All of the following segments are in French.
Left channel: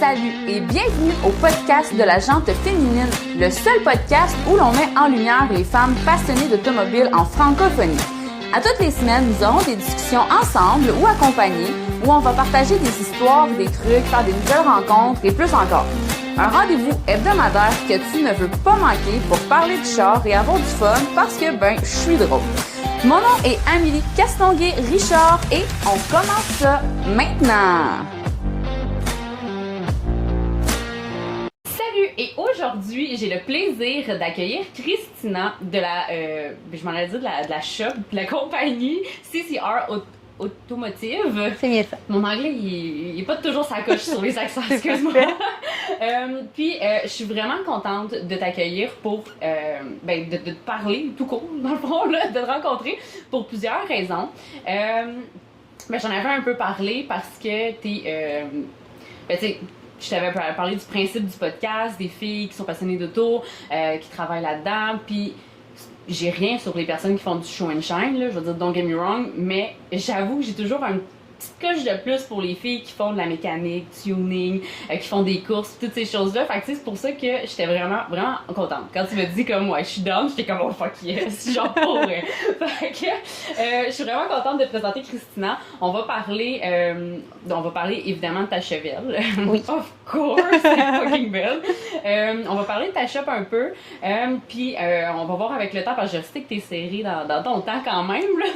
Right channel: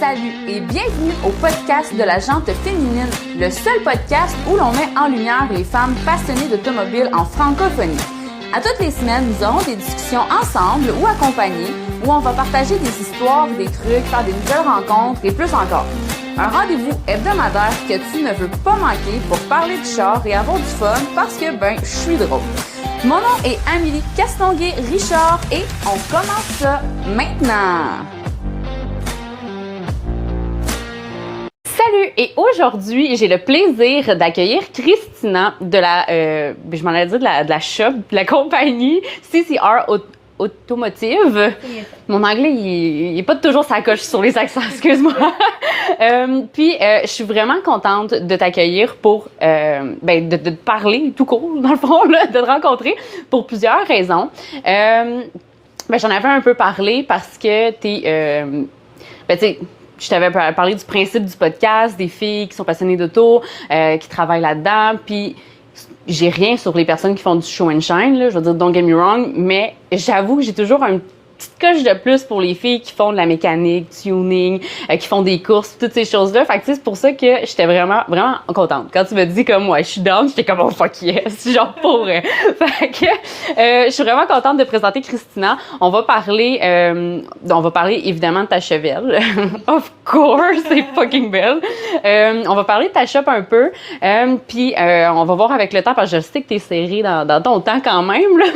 Salut et bienvenue au podcast de la Jante féminine, le seul podcast où l'on met en lumière les femmes passionnées d'automobile en francophonie. À toutes les semaines, nous aurons des discussions ensemble ou accompagnées où on va partager des histoires, des trucs, faire des nouvelles rencontres et plus encore. Un rendez-vous hebdomadaire que tu ne veux pas manquer pour parler de char et avoir du fun parce que, je suis drôle. Mon nom est Amélie Castonguay-Richard et on commence ça maintenant! Salut! Et aujourd'hui, j'ai le plaisir d'accueillir Christina de la, je m'en allais dire de la shop, de la compagnie CCR Automotive. C'est bien ça. Mon anglais, il est pas toujours sa coche sur les accents, excuse-moi. Puis, je suis vraiment contente de t'accueillir pour, de te parler tout court, dans le fond, là, de te rencontrer pour plusieurs raisons. J'en avais un peu parlé parce que je t'avais parlé du principe du podcast, des filles qui sont passionnées d'auto, qui travaillent là-dedans, puis j'ai rien sur les personnes qui font du show and shine, là, je veux dire, don't get me wrong, mais j'avoue que j'ai toujours une petite coche de plus pour les filles qui font de la mécanique, tuning, qui font des courses, toutes ces choses-là. Fait que c'est pour ça que j'étais vraiment, vraiment contente. Quand tu m'as dit comme, ouais, je suis down, j'étais comme, oh fuck yes, genre pour Fait que je suis vraiment contente de présenter Christina. On va parler évidemment de ta chevelle. Of course, c'est fucking belle. On va parler de ta shop un peu. Puis on va voir avec le temps, parce que je sais que t'es serrée dans ton temps quand même, là.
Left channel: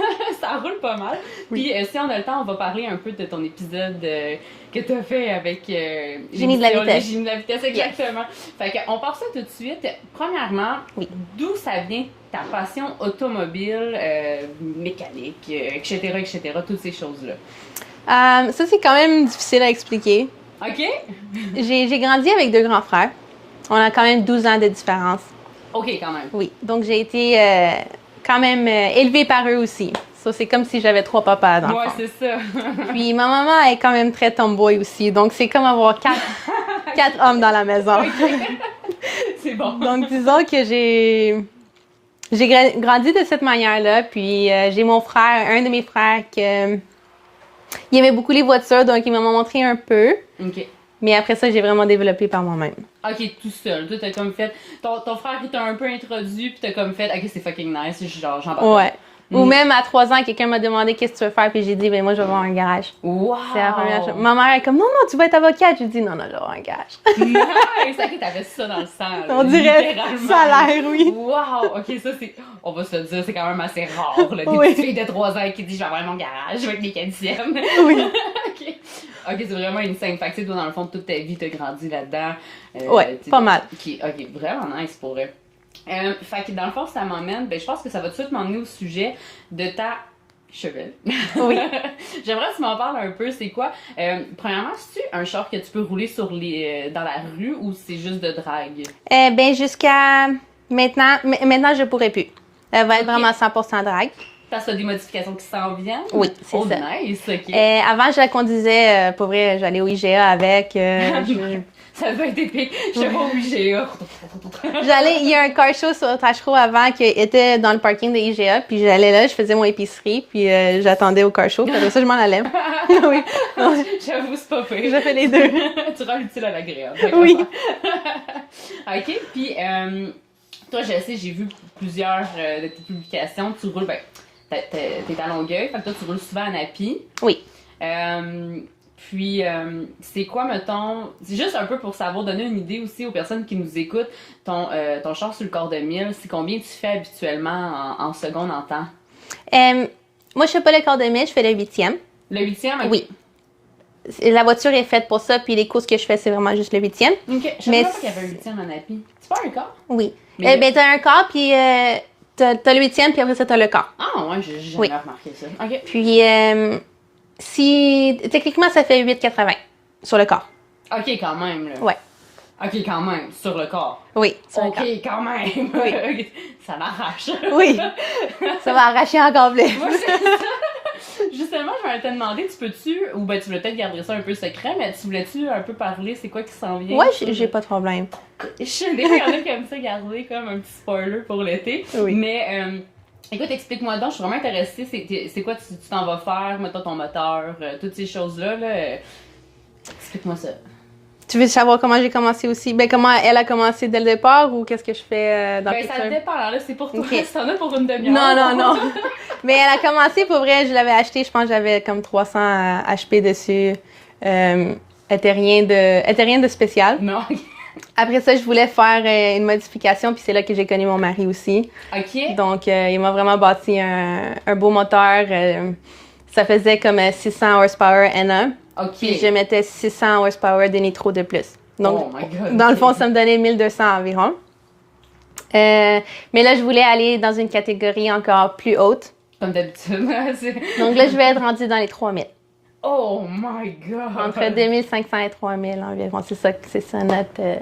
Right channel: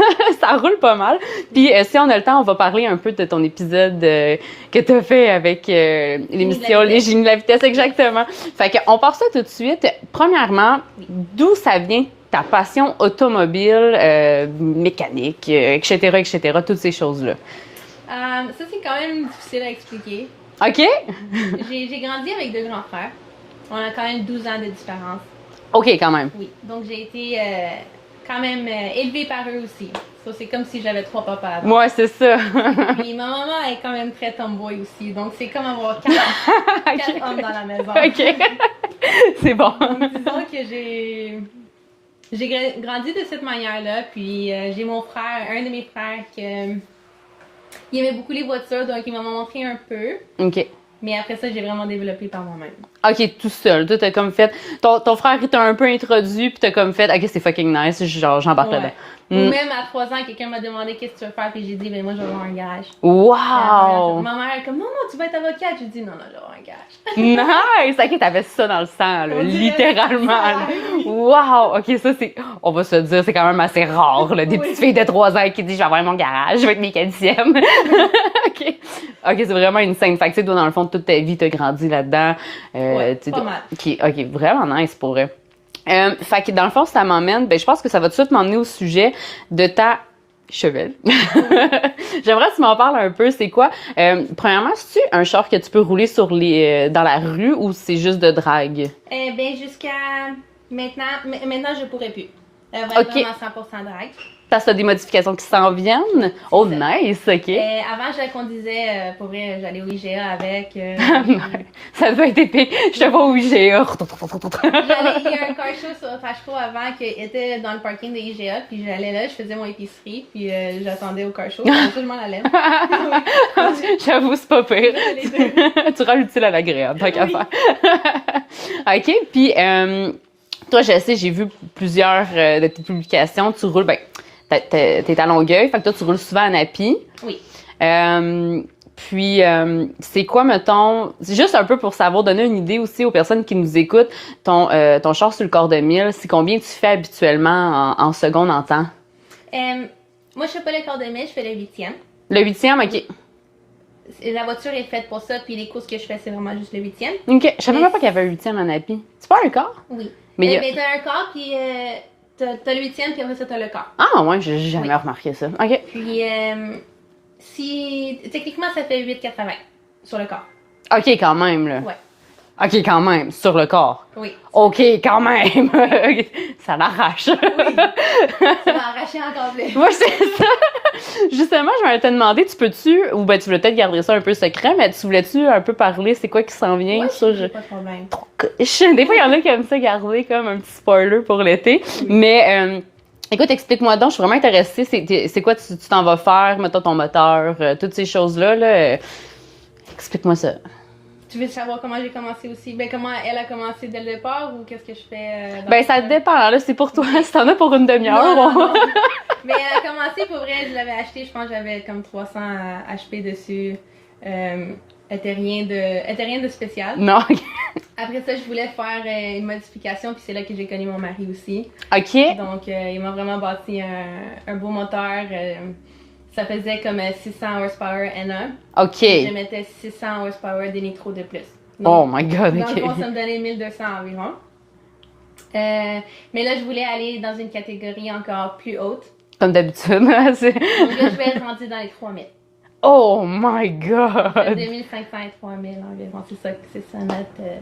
Ça roule pas mal. Puis si on a le temps, on va parler un peu de ton épisode que tu as fait avec l'émission Les Génies de la vitesse, exactement. Fait qu'on part ça tout de suite. Premièrement, d'où ça vient ta passion automobile, mécanique, etc., toutes ces choses-là? Ça, c'est quand même difficile à expliquer. OK. J'ai grandi avec deux grands frères. On a quand même 12 ans de différence. OK, quand même. Oui. Donc, j'ai été quand même élevée par eux aussi. Ça, c'est comme si j'avais 3 papas. Ouais, c'est ça. Puis ma maman est quand même très tomboy aussi. Donc, c'est comme avoir 4 hommes dans la maison. OK. C'est bon. Donc, disons que j'ai grandi de cette manière-là. Puis, j'ai mon frère, un de mes frères, il aimait beaucoup les voitures. Donc, il m'a montré un peu. OK. Mais après ça, j'ai vraiment développé par moi-même. OK, tout seul. Toi, t'as comme fait... Ton frère, il t'a un peu introduit, puis t'as comme fait, OK, c'est fucking nice, genre, j'embarque là. Ou même à 3 ans, quelqu'un m'a demandé qu'est-ce que tu veux faire, puis j'ai dit, moi, je vais avoir un garage. Wow! Ma mère est comme, non, tu vas être avocate. J'ai dit, non, je vais avoir un garage. Nice! OK, t'avais ça dans le sang, là, on dirait littéralement. Ça a l'air, oui. Wow! OK, ça, c'est... On va se le dire, c'est quand même assez rare, là, des petites filles de 3 ans qui disent, je vais avoir mon garage, je vais être mécanicienne. Oui. OK, c'est vraiment une scène. Fait que, tu sais, toi, dans le fond, toute ta vie, t'as grandi là-dedans. Pas mal. OK, vraiment nice pour eux. Fait que dans le fond, ça m'emmène, je pense que ça va tout de suite m'emmener au sujet de ta chevelle. Oui. J'aimerais que tu m'en parles un peu. C'est quoi? Premièrement, c'est-tu un char que tu peux rouler dans la rue ou c'est juste de drague? Jusqu'à maintenant. Maintenant, je pourrais plus. Elle va être vraiment 100% drague. Parce que t'as des modifications qui s'en viennent? Oui, oh, ça. Nice, OK. Avant, je la conduisais, pour vrai, j'allais au IGA avec. Ça devait être épique. Je te vois au IGA. Il y a un car show sur Tachereau avant qui était dans le parking de IGA, puis j'allais là, je faisais mon épicerie, puis j'attendais au car show. Après ça, je m'en allais. J'avoue, c'est pas pire. J'ai fait les deux. Tu rends l'utile à l'agréable. Oui. OK, puis toi, je sais, j'ai vu plusieurs de tes publications. Tu roules, t'es à Longueuil, fait que toi, tu roules souvent à Napi. Oui. Puis, c'est quoi, mettons, c'est juste un peu pour savoir, donner une idée aussi aux personnes qui nous écoutent, ton char sur le quart de mille, c'est combien tu fais habituellement en secondes en temps? Moi, je fais pas le quart de mille, je fais le 8e. Le 8e, OK. Oui. La voiture est faite pour ça, puis les courses que je fais, c'est vraiment juste le 8e. OK. Je savais même pas qu'il y avait un 8e à Napi. C'est pas un quart? Oui. T'as un quart, puis t'as le 8e, puis après ça, t'as le quart. Ah, ouais, j'ai jamais remarqué ça. OK. Puis, techniquement, ça fait 8,80 sur le corps. OK, quand même, là. Ouais. OK, quand même, sur le corps. Oui. OK, quand même. Oui. Ça l'arrache. Oui. Ça va arracher encore plus. Moi, c'est ça. Justement, je m'allais te demander, tu peux-tu, ou tu voulais peut-être garder ça un peu secret, mais tu voulais-tu un peu parler, c'est quoi qui s'en vient? Oui, j'ai pas de problème. Des fois, il y en a qui aiment ça garder comme un petit spoiler pour l'été. Oui. Mais, écoute, explique-moi donc, je suis vraiment intéressée. C'est quoi tu t'en vas faire, mettons ton moteur, toutes ces choses-là, là. Explique-moi ça. Tu veux savoir comment j'ai commencé aussi? Ben, comment elle a commencé dès le départ ou qu'est-ce que je fais dans le Ben, ça futur? dépend. Là, c'est pour toi. Ok. Si t'en as pour une demi-heure. Non. Mais elle a commencé, pour vrai, je l'avais acheté, je pense que j'avais comme 300 HP dessus. Elle était rien de spécial. Non. Après ça, je voulais faire une modification, puis c'est là que j'ai connu mon mari aussi. OK. Donc, il m'a vraiment bâti un beau moteur. Ça faisait comme 600 horsepower NA. OK. Je mettais 600 horsepower de nitro de plus. Oh my God. Dans OK. le fond, ça me donnait 1200 environ. Mais là, je voulais aller dans une catégorie encore plus haute. Comme d'habitude. Donc là, je vais être rendue dans les 3000. Oh my God. Entre 2500 et 3000 environ. C'est ça notre...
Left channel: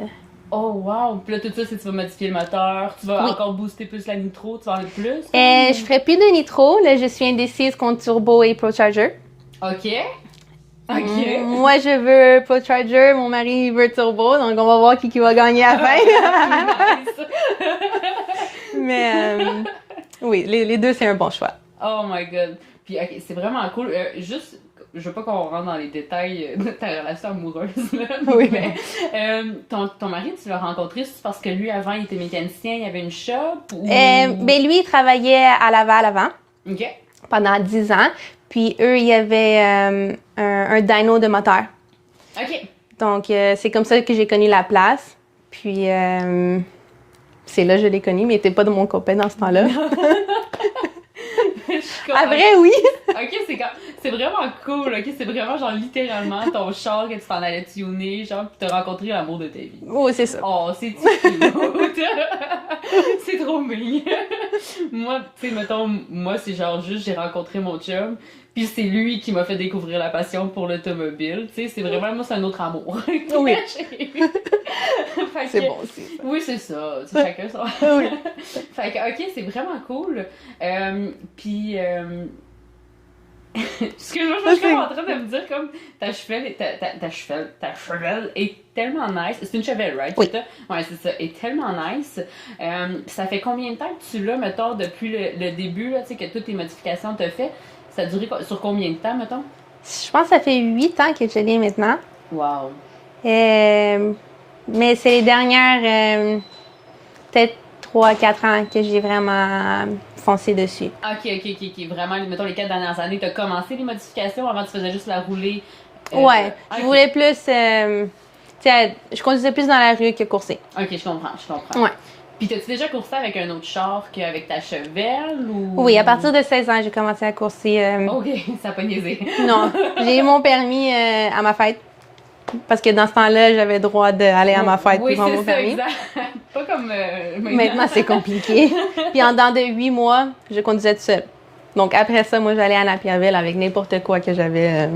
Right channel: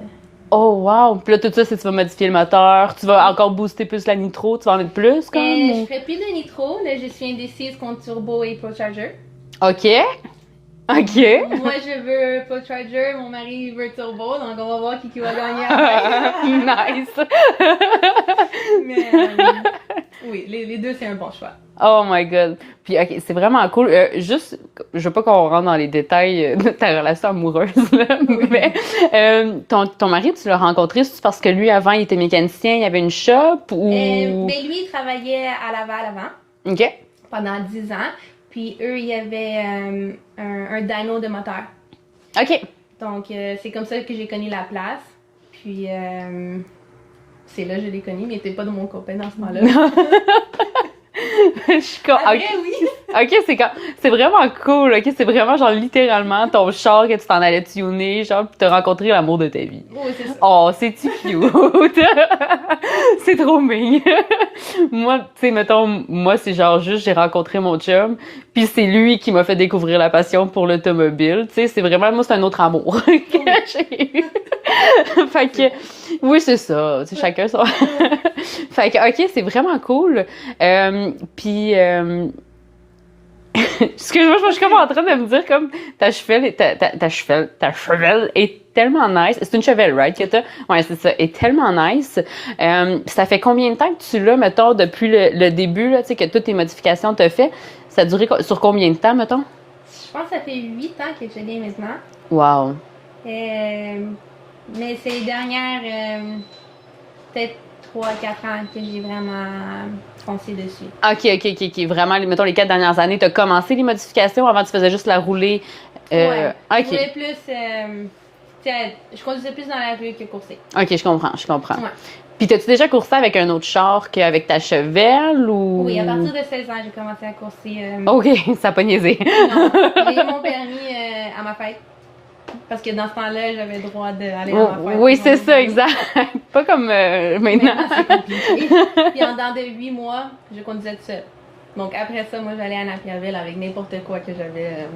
Oh wow. Puis là, tout ça, c'est que tu vas modifier le moteur. Tu vas encore booster plus la nitro. Tu vas en mettre plus. Comme... je ferai plus de nitro. Là, je suis indécise contre turbo et ProCharger. OK. OK. Moi, je veux ProCharger. Mon mari il veut turbo. Donc, on va voir qui va gagner à la fin. Nice. Mais oui, les deux, c'est un bon choix. Oh my God. Puis, OK, c'est vraiment cool. Juste, je veux pas qu'on rentre dans les détails de ta relation amoureuse, là, Oui. mais ton mari, tu l'as rencontré, c'est parce que lui, avant, il était mécanicien, il avait une shop ou... Ben lui, il travaillait à Laval avant, OK. pendant 10 ans. Puis eux, il y avait un dyno de moteur. OK. Donc, c'est comme ça que j'ai connu la place. Puis, c'est là que je l'ai connu, mais il n'était pas de mon copain dans ce temps-là. Je suis comme... Après, oui. OK, c'est vraiment cool. OK, c'est vraiment genre littéralement ton char que tu t'en allais tuner, genre, pis t'as rencontré l'amour de ta vie. Oh, c'est ça. Oh, c'est-tu cute? C'est trop mignon. Moi, tu sais, mettons, moi, c'est genre juste, j'ai rencontré mon chum, puis c'est lui qui m'a fait découvrir la passion pour l'automobile. Tu sais, c'est vraiment, moi, c'est un autre amour que j'ai eu. Fait que, C'est bon. oui, c'est ça. Tu sais, chacun son... Fait que, OK, c'est vraiment cool. Puis... Excuse-moi, je suis comme en train de me dire comme ta chevelle est tellement nice. C'est une chevelle, right? Oui. Que t'as? Ouais, c'est ça. Est tellement nice. Ça fait combien de temps que tu l'as, mettons, depuis le début, là, tu sais, que toutes tes modifications t'as fait? Ça a duré sur combien de temps, mettons? Je pense que ça fait 8 ans que je l'ai maintenant. Wow. Mais c'est les dernières, peut-être 3-4 ans que j'ai vraiment foncé dessus. OK. Vraiment, mettons, les 4 dernières années, t'as commencé les modifications avant tu faisais juste la rouler? Ouais. OK. Je voulais plus. Tu sais, je conduisais plus dans la rue que courser. OK, je comprends. Ouais. Puis t'as-tu déjà coursé avec un autre char qu'avec ta chevelle ou... Oui, à partir de 16 ans, j'ai commencé à courser. OK, ça a pas niaisé. Non, j'ai eu mon permis à ma fête. Parce que dans ce temps-là, j'avais le droit d'aller à ma fête. Oui, pour c'est mon ça, permis. exact. Pas comme maintenant. Maintenant, c'est compliqué. Puis en dedans de 8 mois, je conduisais toute seule. Donc après ça, moi, j'allais à Napierville avec n'importe quoi que j'avais.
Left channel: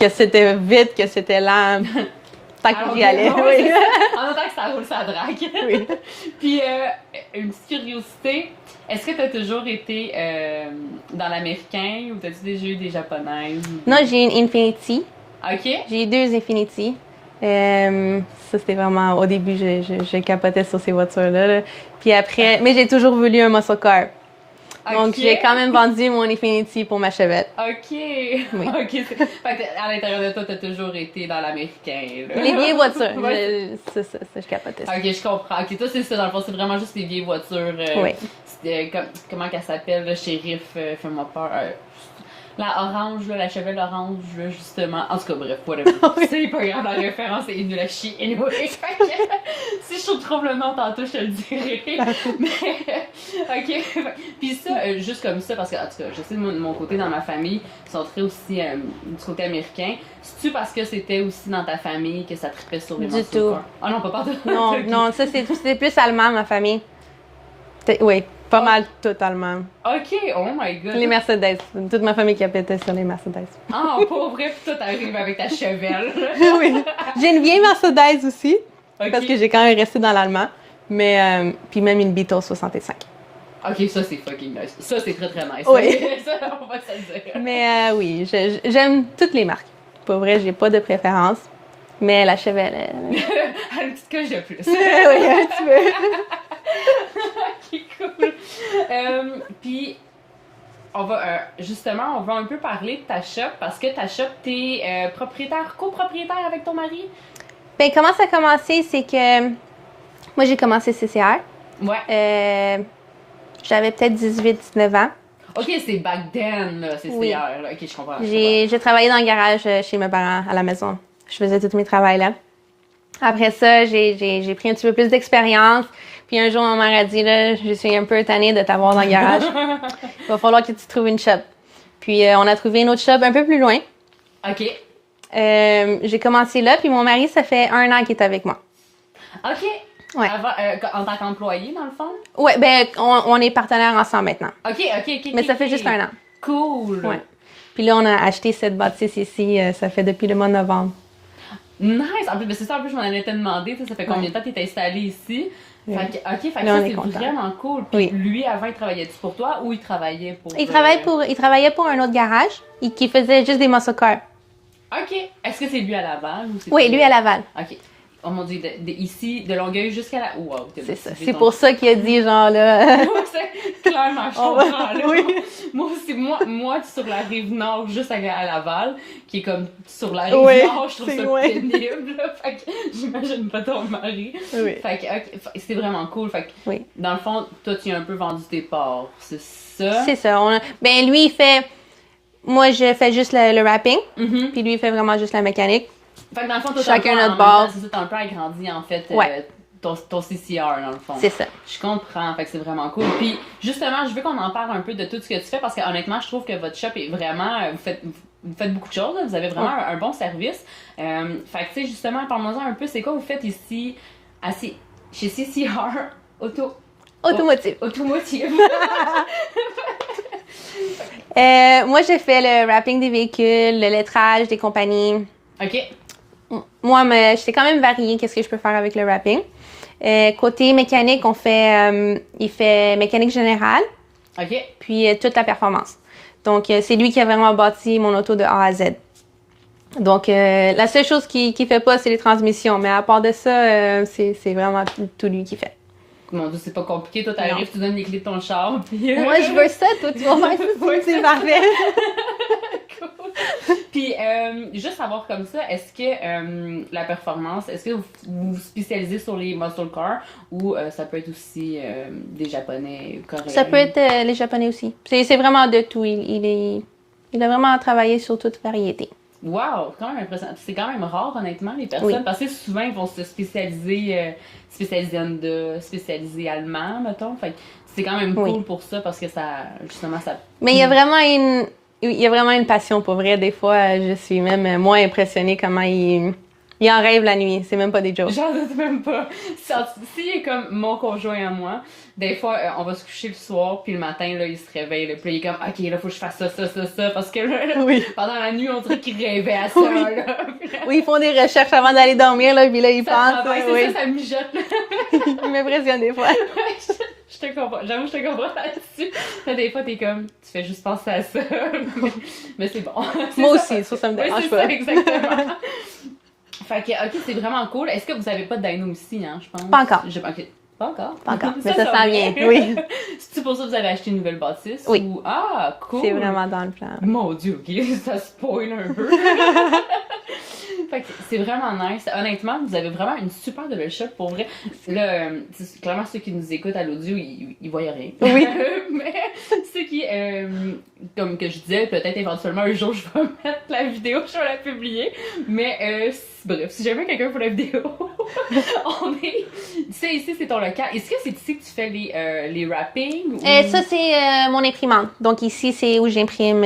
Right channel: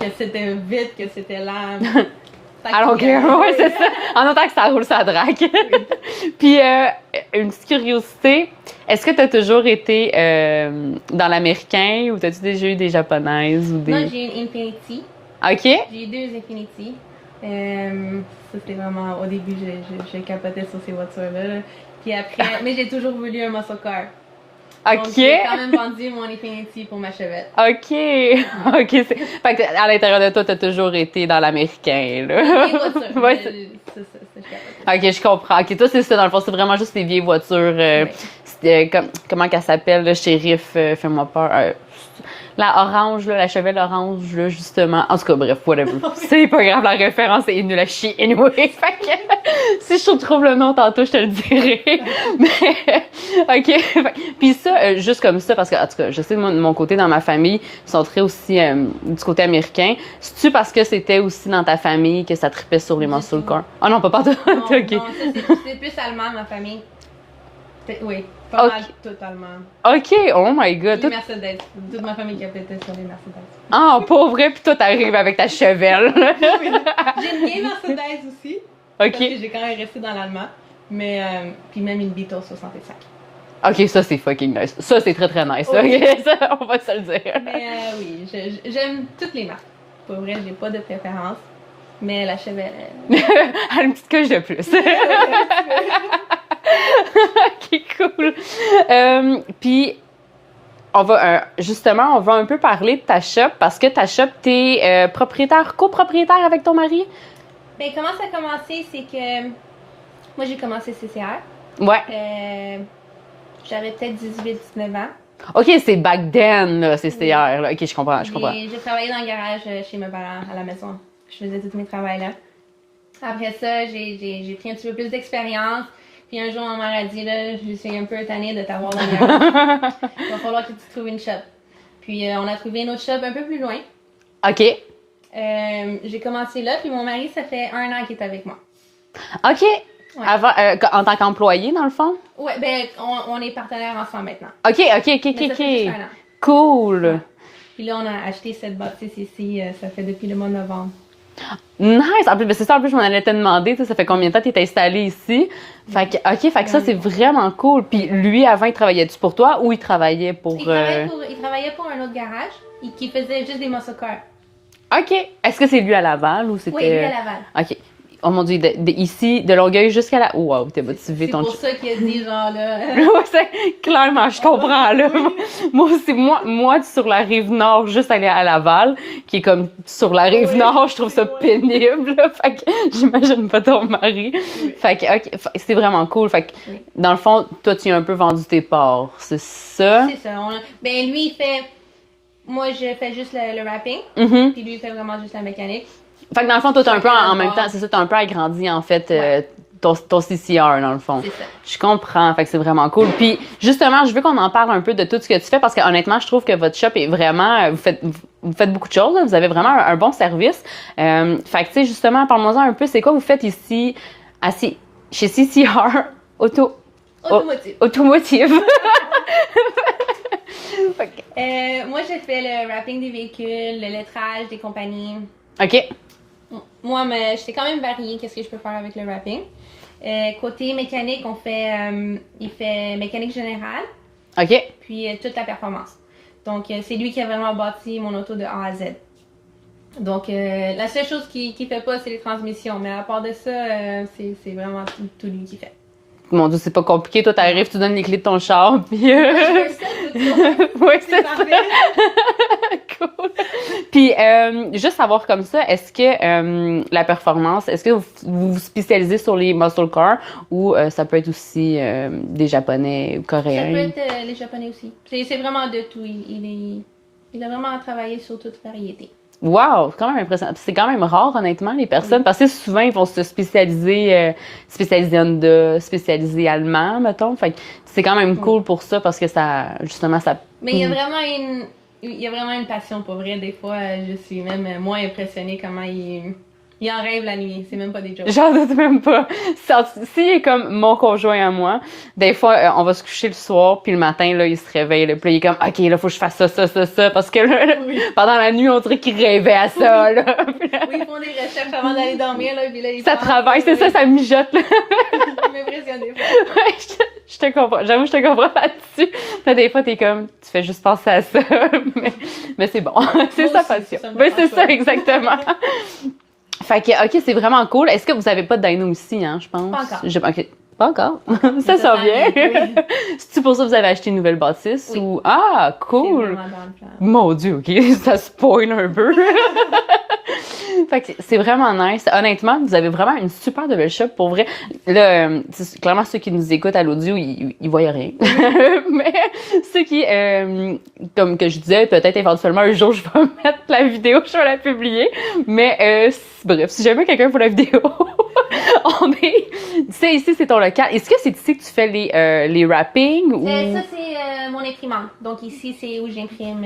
Que c'était vite, que c'était lent. Tant qu'il Alors, y allait. ouais, c'est ça. En autant que ça roule, ça drague. Oui. Puis, une petite curiosité, est-ce que tu as toujours été dans l'américain ou t'as-tu déjà eu des japonaises? Ou des... Non, j'ai une Infinity. OK. J'ai eu 2 Infinity. Ça, c'était vraiment... Au début, je capotais sur ces voitures-là. Là. Puis après... Mais j'ai toujours voulu un muscle car. Donc, OK. j'ai quand même vendu mon Infinity pour ma chevette. OK. OK. Fait que à l'intérieur de toi, t'as toujours été dans l'américain, là. Les vieilles voitures. Ouais, C'est ça, je capotais. OK, je comprends. OK, toi, c'est ça, dans le fond, c'est vraiment juste les vieilles voitures. Oui. Comment qu'elle s'appelle, le shérif, fais-moi peur. La orange, là, la chevelle orange, là, justement. En tout cas, bref, whatever. C'est pas grave, la référence est nulle à chier. Anyway, fait que, si je trouve le nom tantôt, je te le dirai. Mais, OK. Puis ça, juste comme ça, parce que, en tout cas, je sais de mon côté, dans ma famille, ils sont très aussi du côté américain. C'est-tu parce que c'était aussi dans ta famille que ça tripait sur les Du muscle tout. cars? Ah non, pas partout. Non, OK. non, ça, c'est plus allemand, ma famille. Oui, pas Ok. mal tout allemand. OK, oh my God. Les Mercedes. Toute ma famille capotait sur les Mercedes. Ah, pas vrai, puis toi, t'arrives avec ta chevelle. Oui. J'ai une vieille Mercedes aussi, OK. parce que j'ai quand même resté dans l'allemand. Mais, puis même une Beetle 65. OK, ça, c'est fucking nice. Ça, c'est très, très nice. Oui. Ça, on va se le dire. Mais oui, j'aime toutes les marques. Pour vrai, j'ai pas de préférence. Mais la Chevelle, Elle a une petite coche de plus. OK, cool. Puis, justement, on va un peu parler de ta shop parce que ta shop, t'es copropriétaire avec ton mari? Ben, comment ça a commencé, c'est que moi, j'ai commencé CCR. Ouais. J'avais peut-être 18-19 ans. OK, c'est back then, là, c'est CCR. Là. OK, je comprends. J'ai travaillé dans le garage chez mes parents à la maison. Je faisais tous mes travaux là. Après ça, j'ai pris un petit peu plus d'expérience. Puis un jour, ma mère a dit, là, je suis un peu tannée de t'avoir dans le garage. Il va falloir que tu trouves une shop. Puis on a trouvé une autre shop un peu plus loin. OK. J'ai commencé là, puis mon mari, ça fait 1 an qu'il est avec moi. OK. Ouais. Avant, en tant qu'employé, dans le fond? Oui, ben on est partenaires ensemble maintenant. OK. Mais ça fait juste 1 an. Cool. Ouais. Puis là, on a acheté cette bâtisse ici, ça fait depuis le mois de novembre. Nice! En plus, c'est ça, en plus, je m'en allais te demander, ça fait combien de temps tu es installé ici? Fait que, OK, fait que ça, c'est vraiment cool. Puis lui, avant, il travaillait-tu pour toi ou il travaillait pour... Il travaillait pour un autre garage qui faisait juste des muscle cars. OK. Est-ce que c'est lui à Laval ou c'était... Oui, lui à Laval. OK. Oh mon Dieu, ici, de Longueuil jusqu'à la... Wow, t'es C'est pour ça qu'il a dit, genre, là... Clairement, je comprends, là. Oui. Moi aussi, moi, sur la rive nord, juste aller à Laval, qui est comme sur la rive nord, je trouve ça pénible, là. Fait que j'imagine pas ton mari. Oui. Fait que, OK, c'est vraiment cool. Fait que, dans le fond, toi, tu as un peu vendu tes parts, c'est ça? C'est ça. Ben, lui, il fait... Moi, je fais juste le wrapping, puis lui, il fait vraiment juste la mécanique. Fait que dans le fond, toi, t'as un peu en même temps, c'est ça, t'as un peu agrandi, en fait, ton CCR, dans le fond. C'est ça. Je comprends, fait que c'est vraiment cool. Puis, justement, je veux qu'on en parle un peu de tout ce que tu fais, parce que honnêtement, je trouve que votre shop est vraiment... Vous faites beaucoup de choses, là, vous avez vraiment un bon service. Fait que, tu sais, justement, parle-moi-en un peu, c'est quoi vous faites ici, chez CCR Automotive. Automotive. Moi, j'ai fait le wrapping des véhicules, le lettrage des compagnies. OK. Moi, j'étais quand même variée, qu'est-ce que je peux faire avec le wrapping. Côté mécanique, il fait mécanique générale. OK. Puis toute la performance. Donc, c'est lui qui a vraiment bâti mon auto de A à Z. Donc, la seule chose qu'il fait pas, c'est les transmissions. Mais à part de ça, c'est vraiment tout lui qui fait. Mon Dieu, c'est pas compliqué. Toi, t'arrives, tu donnes les clés de ton char, puis... Moi, je veux ça, toi, tu vois. Oui, c'est parfait. Cool. Puis, juste savoir comme ça, est-ce que la performance, est-ce que vous vous spécialisez sur les muscle cars ou ça peut être aussi des Japonais ou Coréens? Ça peut être les Japonais aussi. C'est vraiment de tout. Il a vraiment travaillé sur toute variété. Wow, c'est quand même impressionnant. C'est quand même rare, honnêtement, les personnes, parce que souvent, ils vont se spécialiser Honda, spécialiser allemand, mettons. Fait que c'est quand même cool pour ça, parce que ça, justement, ça... Mais il y a vraiment une passion, pour vrai. Des fois, je suis même moins impressionnée comment il en rêve la nuit. C'est même pas des jokes. J'en doute même pas. S'il est comme mon conjoint à moi, des fois, on va se coucher le soir, puis le matin, là, il se réveille. Là, puis il est comme, OK, là, faut que je fasse ça. Parce que là, pendant la nuit, on dirait qu'il rêvait à ça. Là. Oui, ils font des recherches avant d'aller dormir, là, puis là, ils pensent. Ça travaille, c'est ça, ça mijote. Là. Il m'impressionne des fois. Je te comprends. J'avoue, je te comprends là-dessus. Là, des fois, t'es comme, tu fais juste penser à ça. mais c'est bon. C'est moi ça, aussi, ça me oui, c'est ça, exactement. Fait que, OK, c'est vraiment cool. Est-ce que vous avez pas de dyno ici, hein, je pense? Pas encore. OK. Pas encore? Pas encore. Ça vient. Oui. C'est-tu pour ça que vous avez acheté une nouvelle bâtisse? Oui. Ou... Ah, cool! C'est vraiment dans le plan. Mon Dieu, OK, ça spoil un peu. Fait que c'est vraiment nice. Honnêtement, vous avez vraiment une super de belle shop, pour vrai. Là, clairement, ceux qui nous écoutent à l'audio, ils voient rien. Oui. Mais ceux qui, comme que je disais, peut-être éventuellement un jour, je vais mettre la vidéo, je vais la publier. Mais bref, si jamais quelqu'un veut la vidéo, on est... Tu sais, ici, c'est ton local. Est-ce que c'est ici que tu fais les wrappings? Ou... Ça, c'est mon imprimante. Donc ici, c'est où j'imprime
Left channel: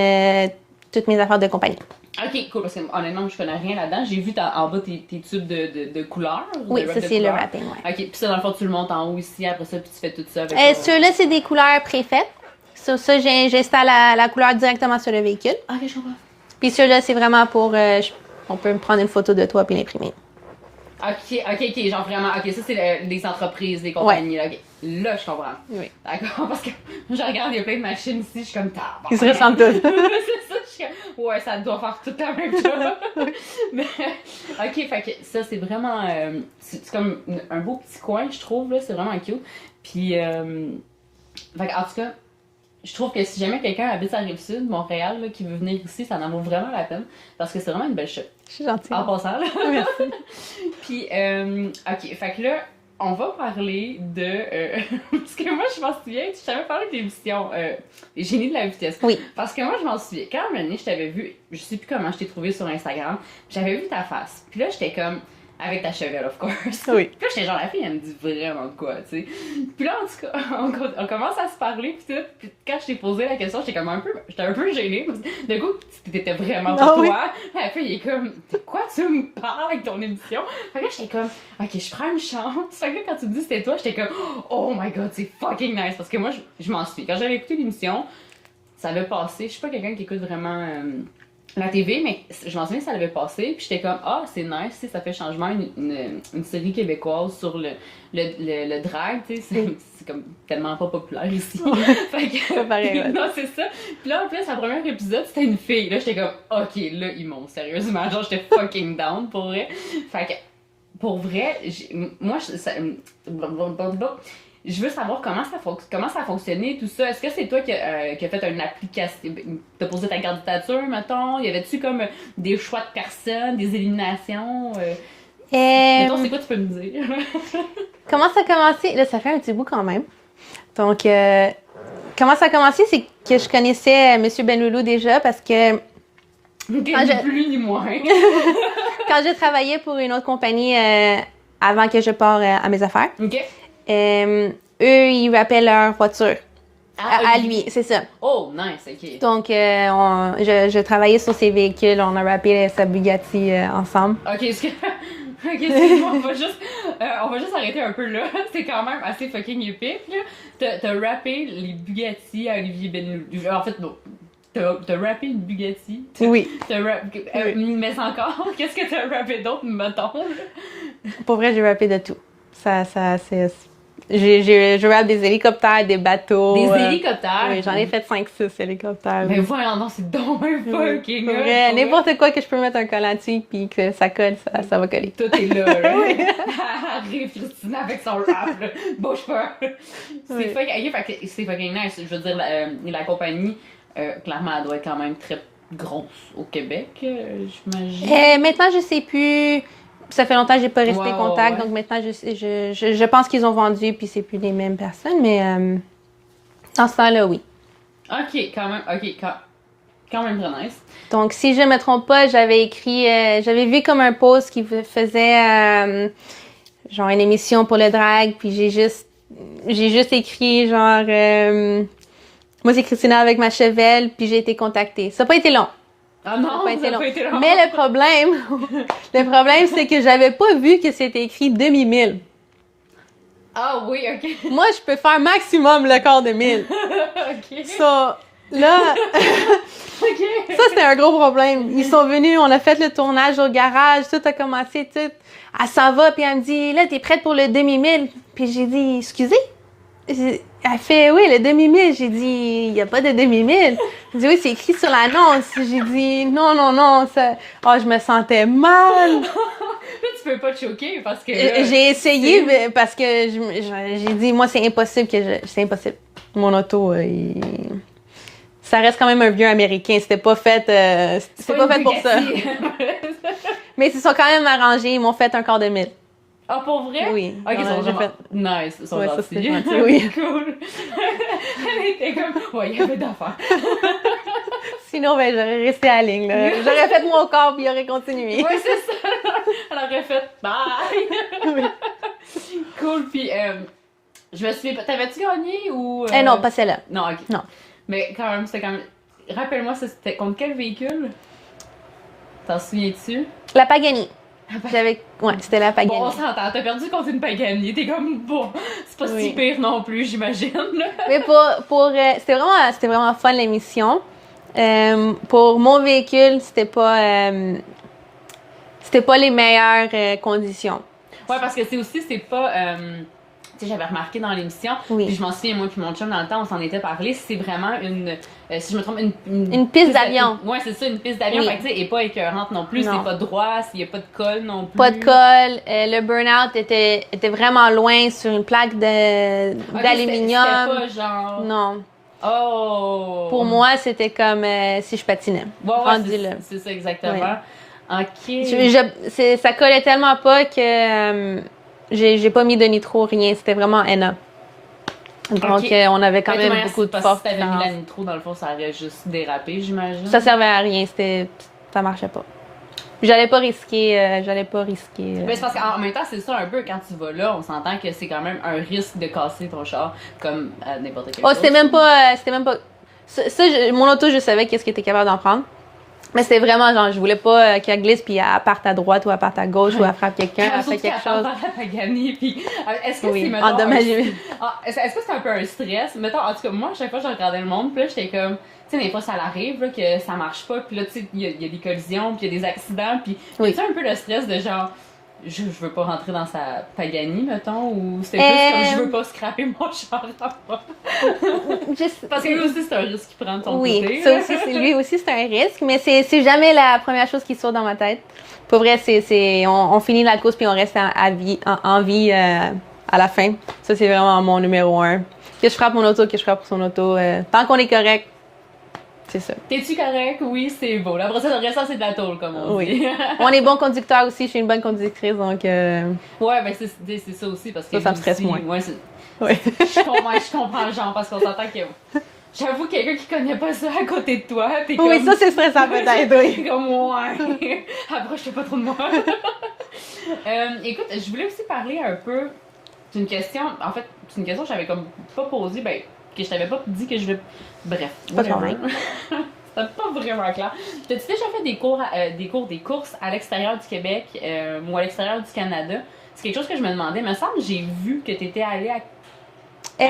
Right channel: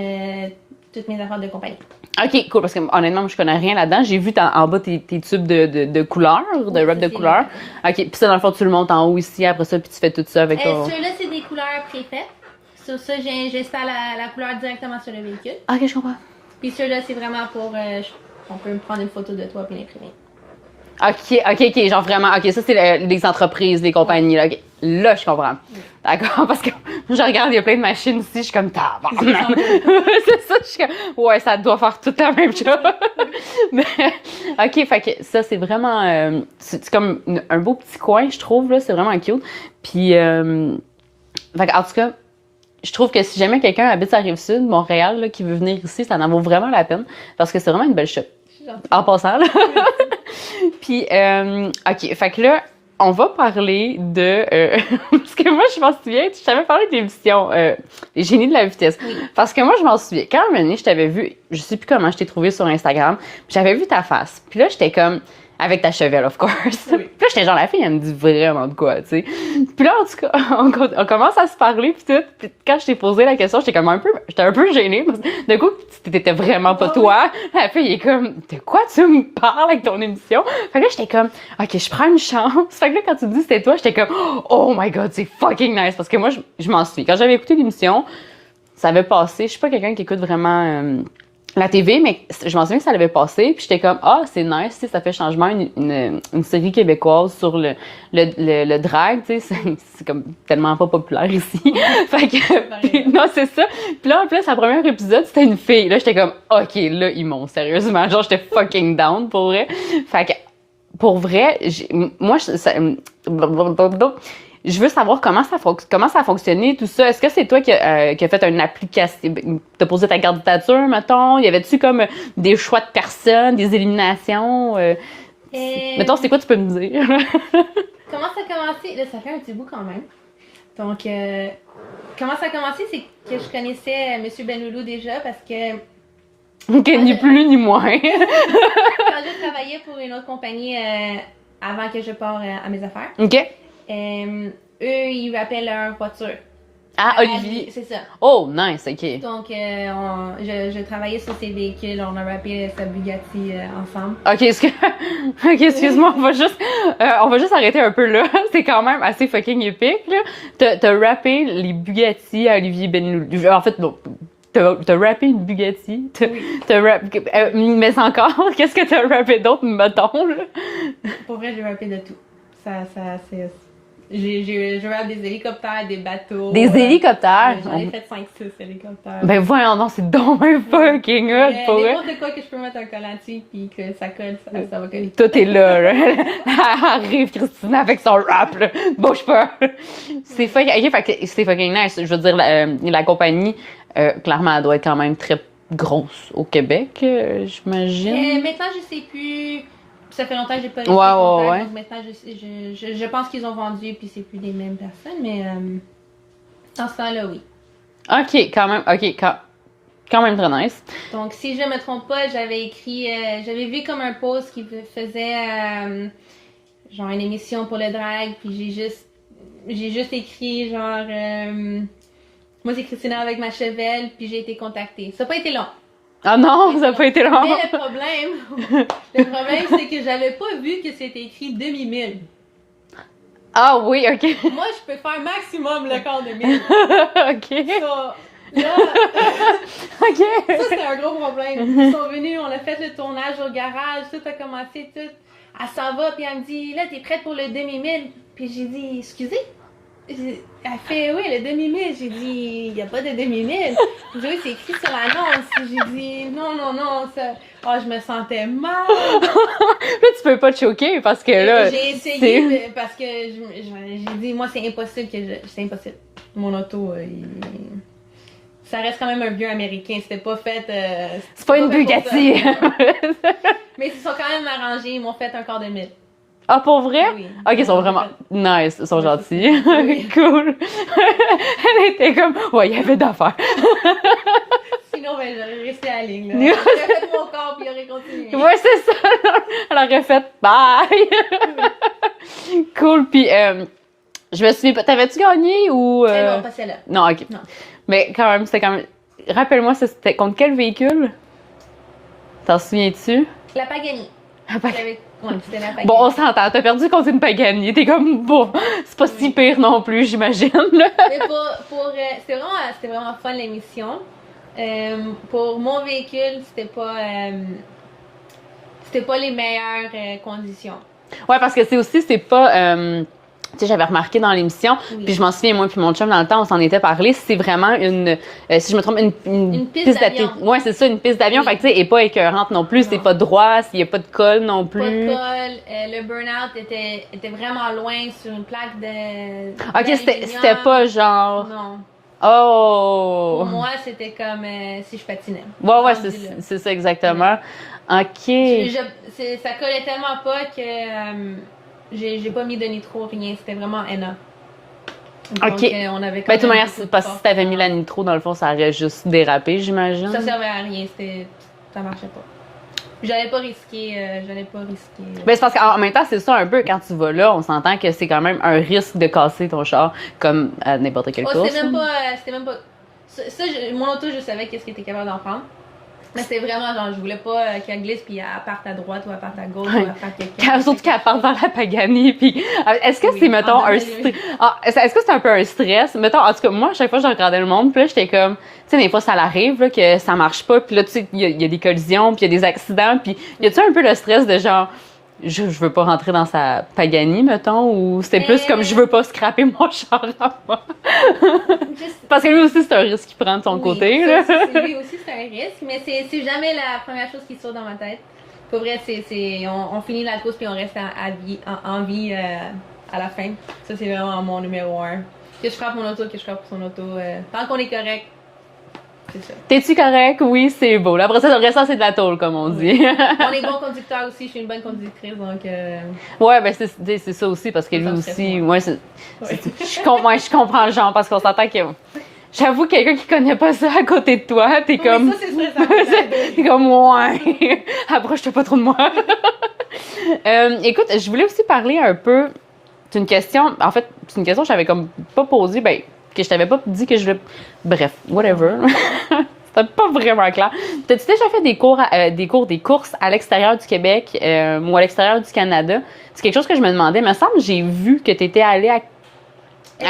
toutes mes affaires de compagnie. OK, cool, parce que honnêtement, je connais rien là-dedans. J'ai vu en bas tes tubes de couleurs, de wrap de couleurs. OK, puis ça, dans le fond, tu le montes en haut ici, après ça, puis tu fais tout ça avec ton... Ceux-là, c'est des couleurs préfaites. Sur ça, j'installe la couleur directement sur le véhicule. OK, je comprends. Puis ceux-là, c'est vraiment pour... on peut me prendre une photo de toi puis l'imprimer. OK, genre vraiment, OK, ça, c'est les entreprises, les compagnies, là. Okay. Là, je comprends. Oui. D'accord, parce que je regarde, il y a plein de machines ici, je suis comme, ils se ressemblent tous. C'est ça, je suis comme, ouais, ça doit faire tout la même chose. Mais, OK, fait que ça, c'est vraiment, c'est comme un beau petit coin, je trouve, là, c'est vraiment cute. Puis, fait que, en tout cas, je trouve que si jamais quelqu'un habite à Rive-Sud, Montréal, là, qui veut venir ici, ça en vaut vraiment la peine, parce que c'est vraiment une belle shop. Je suis gentille. En passant, là. puis, OK, fait que là, on va parler de... parce que moi, je m'en souviens, je t'avais parlé de l'émission Les Génies de la vitesse. Oui. Parce que moi, je m'en souviens. Quand un moment donné, je t'avais vu, je sais plus comment je t'ai trouvé sur Instagram, puis j'avais vu ta face. Puis là, j'étais comme... Avec ta chevelle, of course. Oui. Puis là, j'étais genre, la fille, elle me dit vraiment de quoi, tu sais. Puis là, en tout cas, on commence à se parler, puis tout. Puis quand je t'ai posé la question, j'étais un peu gênée. Parce que d'un coup, t'étais vraiment pas toi. La fille, il est comme, de quoi tu me parles avec ton émission? Fait que là, j'étais comme, OK, je prends une chance. Fait que là, quand tu dis c'était toi, j'étais comme, oh my god, c'est fucking nice. Parce que moi, je m'en suis. Quand j'avais écouté l'émission, ça avait passé. Je suis pas quelqu'un qui écoute vraiment... la TV, mais je m'en souviens que ça l'avait passé, puis j'étais comme, ah, c'est nice, tu sais, ça fait changement, une série québécoise sur le drag, tu sais, c'est comme tellement pas populaire ici. Fait que, non, c'est ça. Puis là, en plus, le premier épisode, c'était une fille. Là, j'étais comme, OK, là, ils m'ont, sérieusement, genre, j'étais fucking down, pour vrai. Fait que, pour vrai, je veux savoir comment ça a fonctionné, tout ça. Est-ce que c'est toi qui a fait une application, t'as posé ta candidature, mettons? Y avait-tu comme des choix de personnes, des éliminations? Mettons, c'est quoi tu peux me dire? Comment ça a commencé? Là, ça fait un petit bout quand même. Donc, comment ça a commencé, c'est que je connaissais M. Benloulou déjà parce que... OK, ni plus ni moins. Quand j'ai travaillé pour une autre compagnie avant que je parte à mes affaires, OK. eux, ils rappellent leur voiture. À lui, c'est ça. Oh, nice, OK. Donc, je travaillais sur ses véhicules, on a rappé sa Bugatti ensemble. OK, OK, excuse-moi, on va juste arrêter un peu là. C'est quand même assez fucking épique, là. T'as rappé les Bugatti à Olivier Benloulou. En fait, non. T'as rappé une Bugatti? Oui. Mais encore, qu'est-ce que t'as rappé d'autre, mettons, là? Pour vrai, j'ai rappé de tout. C'est... Je rappe des hélicoptères, des bateaux. Des hélicoptères? Oui, j'en ai fait 5-6 hélicoptères. Ben voyons, non, c'est donc un fucking hot. N'importe quoi que je peux mettre un collant dessus puis que ça colle, ça va coller. Tout est là, là. Arrive Christina avec son rap, là. Bouge pas. C'est fucking nice. Je veux dire, la compagnie, clairement, elle doit être quand même très grosse au Québec, j'imagine. Maintenant, je sais plus. Ça fait longtemps que j'ai pas resté contact, donc maintenant, je pense qu'ils ont vendu puis c'est plus les mêmes personnes, mais dans ce temps-là, oui. OK, quand même, quand même très nice. Donc, si je me trompe pas, j'avais vu comme un post qui faisait genre une émission pour le drag, puis j'ai juste écrit genre moi c'est Christina avec ma chevelle, puis j'ai été contactée. Ça n'a pas été long. Ah non, ça n'a pas été long. Mais le problème, c'est que j'avais pas vu que c'était écrit demi-mille. Ah oui, OK. Moi, je peux faire maximum le quart de mille. OK. Ça, là, OK. Ça, c'était un gros problème. Ils sont venus, on a fait le tournage au garage, tout a commencé, tout. Elle s'en va, puis elle me dit, là, t'es prête pour le demi-mille? Puis j'ai dit, excusez? Elle fait, oui, le demi-mille. J'ai dit, il n'y a pas de demi-mille. J'ai dit, oui, c'est écrit sur l'annonce. J'ai dit, non, ça... Oh, je me sentais mal. Là, tu peux pas te choquer parce que là... J'ai essayé mais parce que j'ai dit, moi, c'est impossible c'est impossible. Mon auto, ça reste quand même un vieux américain. C'était pas fait... c'est pas une fait Bugatti. Pour ça. Mais ils sont quand même arrangés. Ils m'ont fait un quart de mille. Ah, pour vrai? Oui. OK, ils sont vraiment nice, ils sont gentils. Oui, cool. Elle était comme, ouais, il y avait d'affaires. Sinon, ben, j'aurais resté à la ligne. Là. J'aurais fait mon corps puis il aurait continué. Ouais, c'est ça. Elle aurait fait bye. Cool. Puis, je me souviens pas, t'avais-tu gagné ou. Non, pas celle-là. Non, OK. Non. Mais quand même, c'était quand même. Rappelle-moi, c'était contre quel véhicule? T'en souviens-tu? La Pagani. Ouais, c'était la Pagani. Bon, on s'entend. T'as perdu contre une Pagani. T'es comme, bon, c'est pas si pire non plus, j'imagine. Mais c'était vraiment fun l'émission. Pour mon véhicule, c'était pas les meilleures conditions. Ouais, parce que c'est pas. Tu sais, j'avais remarqué dans l'émission, puis je m'en souviens, moi puis mon chum, dans le temps, on s'en était parlé, c'est vraiment si je me trompe, une piste d'avion. Ouais, c'est ça, une piste d'avion. Fait que, tu sais, elle est pas écœurante non plus, c'est pas droit, il y a pas de colle non plus. Pas de colle. Le burn-out était vraiment loin sur une plaque d'aluminium. C'était pas genre... Non. Oh! Pour moi, c'était comme si je patinais. Ouais, c'est ça, exactement. OK. Ça collait tellement pas que j'ai pas mis de nitro, rien. C'était vraiment NA. Donc, OK. on avait quand Ben, de toute même manière, beaucoup de parce que si t'avais mis la différence. nitro, dans le fond, ça aurait juste dérapé, j'imagine. Ça servait à rien. Ça marchait pas. J'allais pas risquer. Ben, c'est parce qu'en même temps, c'est ça un peu, quand tu vas là, on s'entend que c'est quand même un risque de casser ton char, comme à n'importe quelle Oh, course. c'était même pas. Mon auto, je savais qu'est-ce qu'il était capable d'en prendre. Mais c'était vraiment genre, je voulais pas qu'elle glisse puis elle parte à droite ou elle parte à gauche ou elle frappe quelqu'un. Surtout qu'elle part dans la Pagani. Puis, est-ce que Oui, c'est, mettons, endommagé. est-ce que c'est un peu un stress? Mettons, en tout cas, moi, à chaque fois, je regardais le monde, puis là, j'étais comme, tu sais, des fois, ça l'arrive, là, que ça marche pas, puis là, tu sais, il y a des collisions, puis il y a des accidents, puis y a-tu un peu le stress de genre, je veux pas rentrer dans sa Pagani, mettons, ou c'était plus comme, je veux pas scraper mon char à moi? Parce que lui aussi, c'est un risque qu'il prend de son côté. Ça aussi, lui aussi, c'est un risque, mais c'est jamais la première chose qui saute dans ma tête. Pour vrai, on finit la course puis on reste en vie à la fin. Ça, c'est vraiment mon numéro 1. Que je frappe mon auto, que je frappe son auto. Tant qu'on est correct, c'est ça. T'es-tu correct? Oui, c'est beau. Là, après ça, le reste, c'est de la tôle, comme on dit. On est bon conducteur aussi, je suis une bonne conductrice, donc... Ouais, ben c'est ça aussi, parce que ça me lui stresse aussi, moins. moi, je comprends le genre, parce qu'on s'entend que... J'avoue, quelqu'un qui connaît pas ça à côté de toi, t'es comme... Oui, ça, c'est stressant peut-être, oui. T'es comme, ouais, approche-toi pas trop de moi. Écoute, je voulais aussi parler un peu d'une question... En fait, c'est une question que j'avais comme pas posée, ben, que je t'avais pas dit que je voulais... Bref, whatever. C'était pas vraiment clair. T'as-tu déjà fait des courses à l'extérieur du Québec ou à l'extérieur du Canada? C'est quelque chose que je me demandais. Il me semble que j'ai vu que t'étais allée à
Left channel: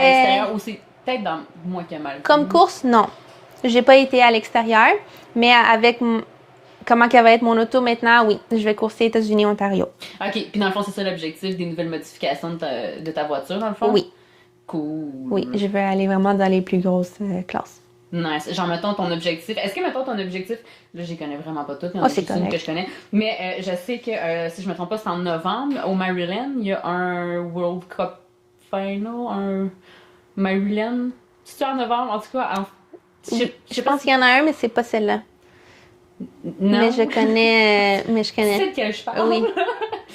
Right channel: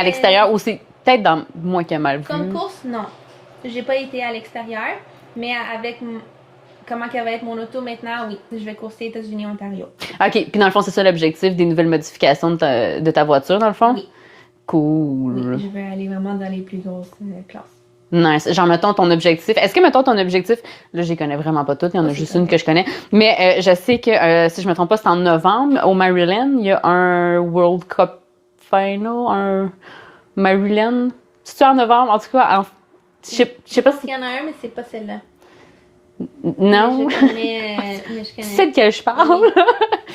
l'extérieur, ou c'est peut-être dans moi qui ai mal vu. Comme course, non. J'ai pas été à l'extérieur, mais avec comment qu'elle va être mon auto maintenant, oui. Je vais courser États-Unis, Ontario. OK. Puis dans le fond, c'est ça l'objectif des nouvelles modifications de ta voiture, dans le fond? Oui. Cool. Oui, je veux aller vraiment dans les plus grosses classes. Nice. Genre, mettons ton objectif. Est-ce que, mettons ton objectif, là, je les connais vraiment pas toutes, il y en a juste une que je connais, mais je sais que, si je me trompe pas, c'est en novembre, au Maryland, il y a un World Cup Final, un Maryland. C'est-tu en novembre? En tout cas, je sais pas pense qu'il y en a un, mais c'est pas celle-là. Non. Mais je connais. Tu sais de quel je parle? Oui.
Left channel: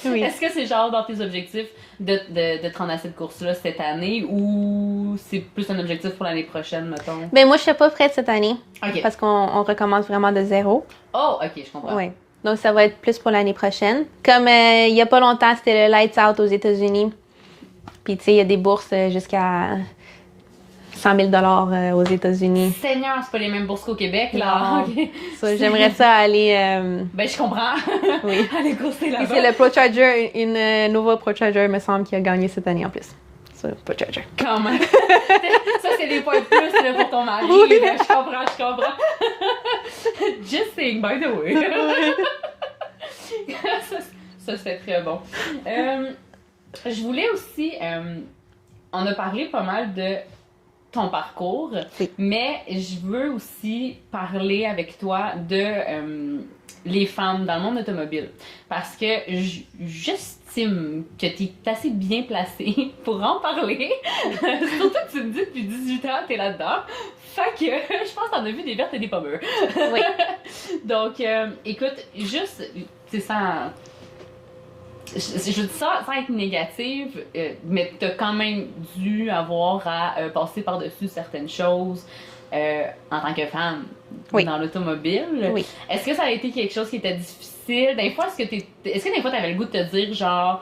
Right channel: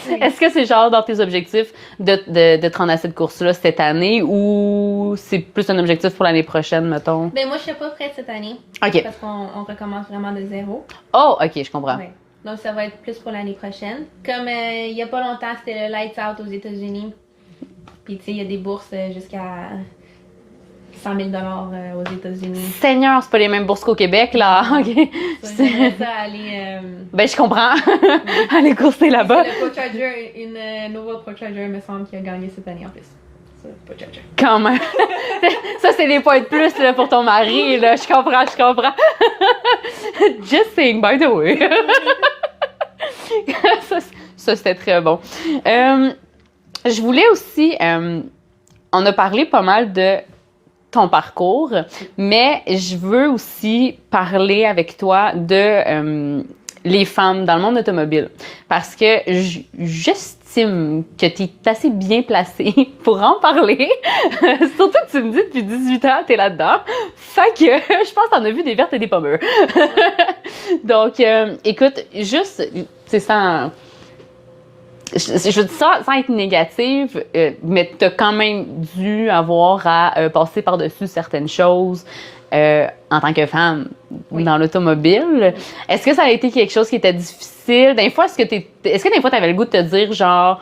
Oui. Est-ce que c'est genre dans tes objectifs de te rendre à cette course-là cette année, ou c'est plus un objectif pour l'année prochaine, mettons? Ben moi, je suis pas prête cette année. OK. Parce qu'on recommence vraiment de zéro. Oh, OK, je comprends. Oui. Donc, ça va être plus pour l'année prochaine. Comme il y a pas longtemps, c'était le Lights Out aux États-Unis. Puis, tu sais, il y a des bourses jusqu'à 100 000 $ aux États-Unis. Seigneur, c'est pas les mêmes bourses qu'au Québec, là. Non. OK. J'aimerais ça aller. Ben, je comprends. Aller courser là-bas. C'est le ProCharger, une nouveau ProCharger, me semble, qui a gagné cette année en plus. C'est ProCharger. Quand même. Ça, c'est des points de plus là, pour ton mari. Oui. Là. Je comprends. Just saying, by the way. ça, c'était très bon. Je voulais aussi... on a parlé pas mal de ton parcours, Oui. mais je veux aussi parler avec toi de les femmes dans le monde automobile. Parce que j'estime que tu es assez bien placée pour en parler. Surtout que tu me dis depuis 18 ans, tu es là-dedans. Fait que je pense que t'en as vu des vertes et des pommures. Oui. Donc, écoute, juste, c'est sans... Je dis ça sans être négative, mais tu as quand même dû avoir à passer par-dessus certaines choses en tant que femme Oui. dans l'automobile. Oui. Est-ce que ça a été quelque chose qui était difficile? Des fois, est-ce que des fois, tu avais le goût de te dire genre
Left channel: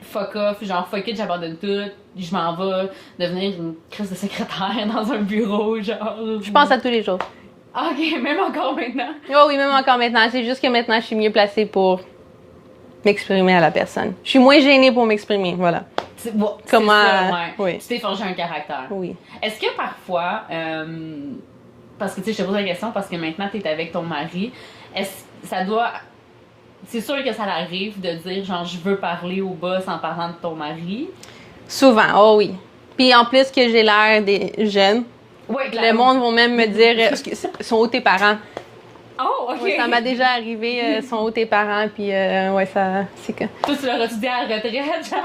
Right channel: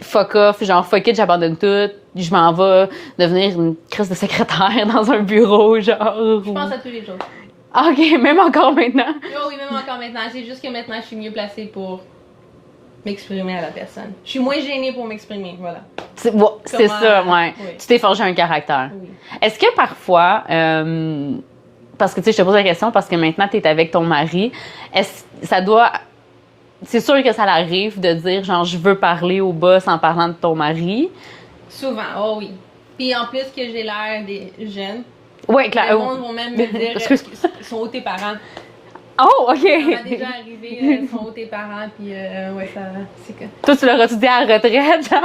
fuck off, genre fuck it, j'abandonne tout, je m'en vais devenir une crise de secrétaire dans un bureau, genre? Je pense à tous les jours. OK, même encore maintenant? Oh oui, même encore maintenant. C'est juste que maintenant, je suis mieux placée pour m'exprimer à la personne. Je suis moins gênée pour m'exprimer, voilà. C'est ça, ouais. Oui. Tu t'es forgé un caractère. Oui. Est-ce que parfois, parce que tu sais, je te pose la question parce que maintenant tu es avec ton mari, c'est sûr que ça arrive de dire genre je veux parler au boss en parlant de ton mari? Souvent, oh oui. Puis en plus que j'ai l'air des jeunes, Oui, clairement. le monde va même me dire sont où tes parents? Oh, OK. Ça m'a déjà arrivé, sont où tes parents? Puis ouais, ça, c'est que... Toi, tu leur as dit à la retraite, genre?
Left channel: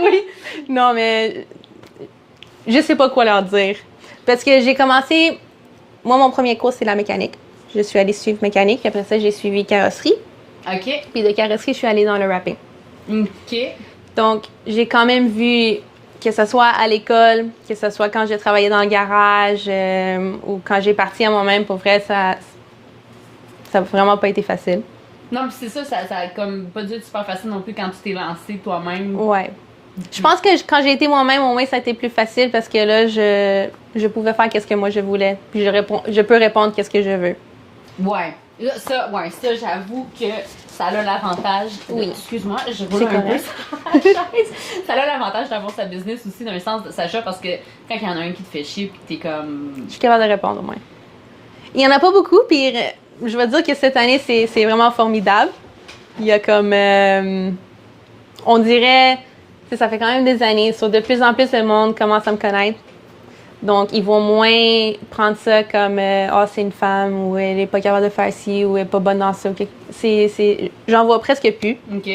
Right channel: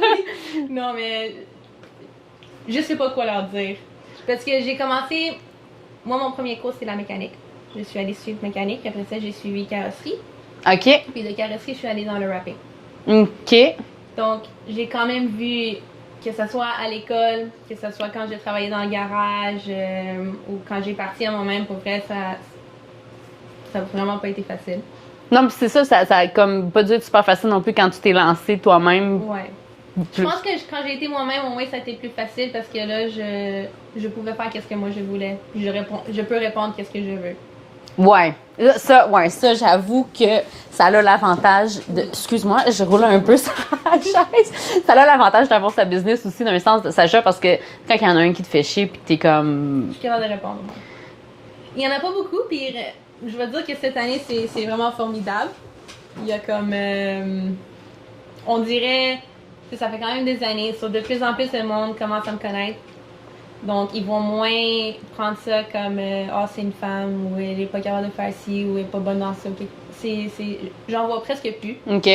Oui. Non, mais je sais pas quoi leur dire. Parce que j'ai commencé... Moi, mon premier cours, c'est la mécanique. je suis allée suivre mécanique. Après ça, j'ai suivi carrosserie. OK. Puis de carrosserie, je suis allée dans le wrapping. OK. Donc, j'ai quand même vu, que ce soit à l'école, que ce soit quand j'ai travaillé dans le garage ou quand j'ai parti à moi-même, pour vrai, ça n'a vraiment pas été facile. Non, puis c'est ça a comme pas dû être super facile non plus quand tu t'es lancé toi-même. Ouais. Je pense que quand j'ai été moi-même, au moins, ça a été plus facile parce que là, je pouvais faire ce que moi je voulais. Puis je peux répondre qu'est-ce que je veux. Ouais. Ça, j'avoue que ça a l'avantage de... Oui. Excuse-moi, je roule un peu sur la chaise. Ça a l'avantage d'avoir sa business aussi, d'un sens de Sacha, parce que quand il y en a un qui te fait chier, puis t'es comme... Je suis capable de répondre, au moins. Il y en a pas beaucoup, puis je veux dire que cette année, c'est vraiment formidable. Il y a comme... on dirait... Ça fait quand même des années. De plus en plus, le monde commence à me connaître. Donc, ils vont moins prendre ça comme c'est une femme, ou elle est pas capable de faire ci, ou elle est pas bonne dans ça. J'en vois presque plus. OK.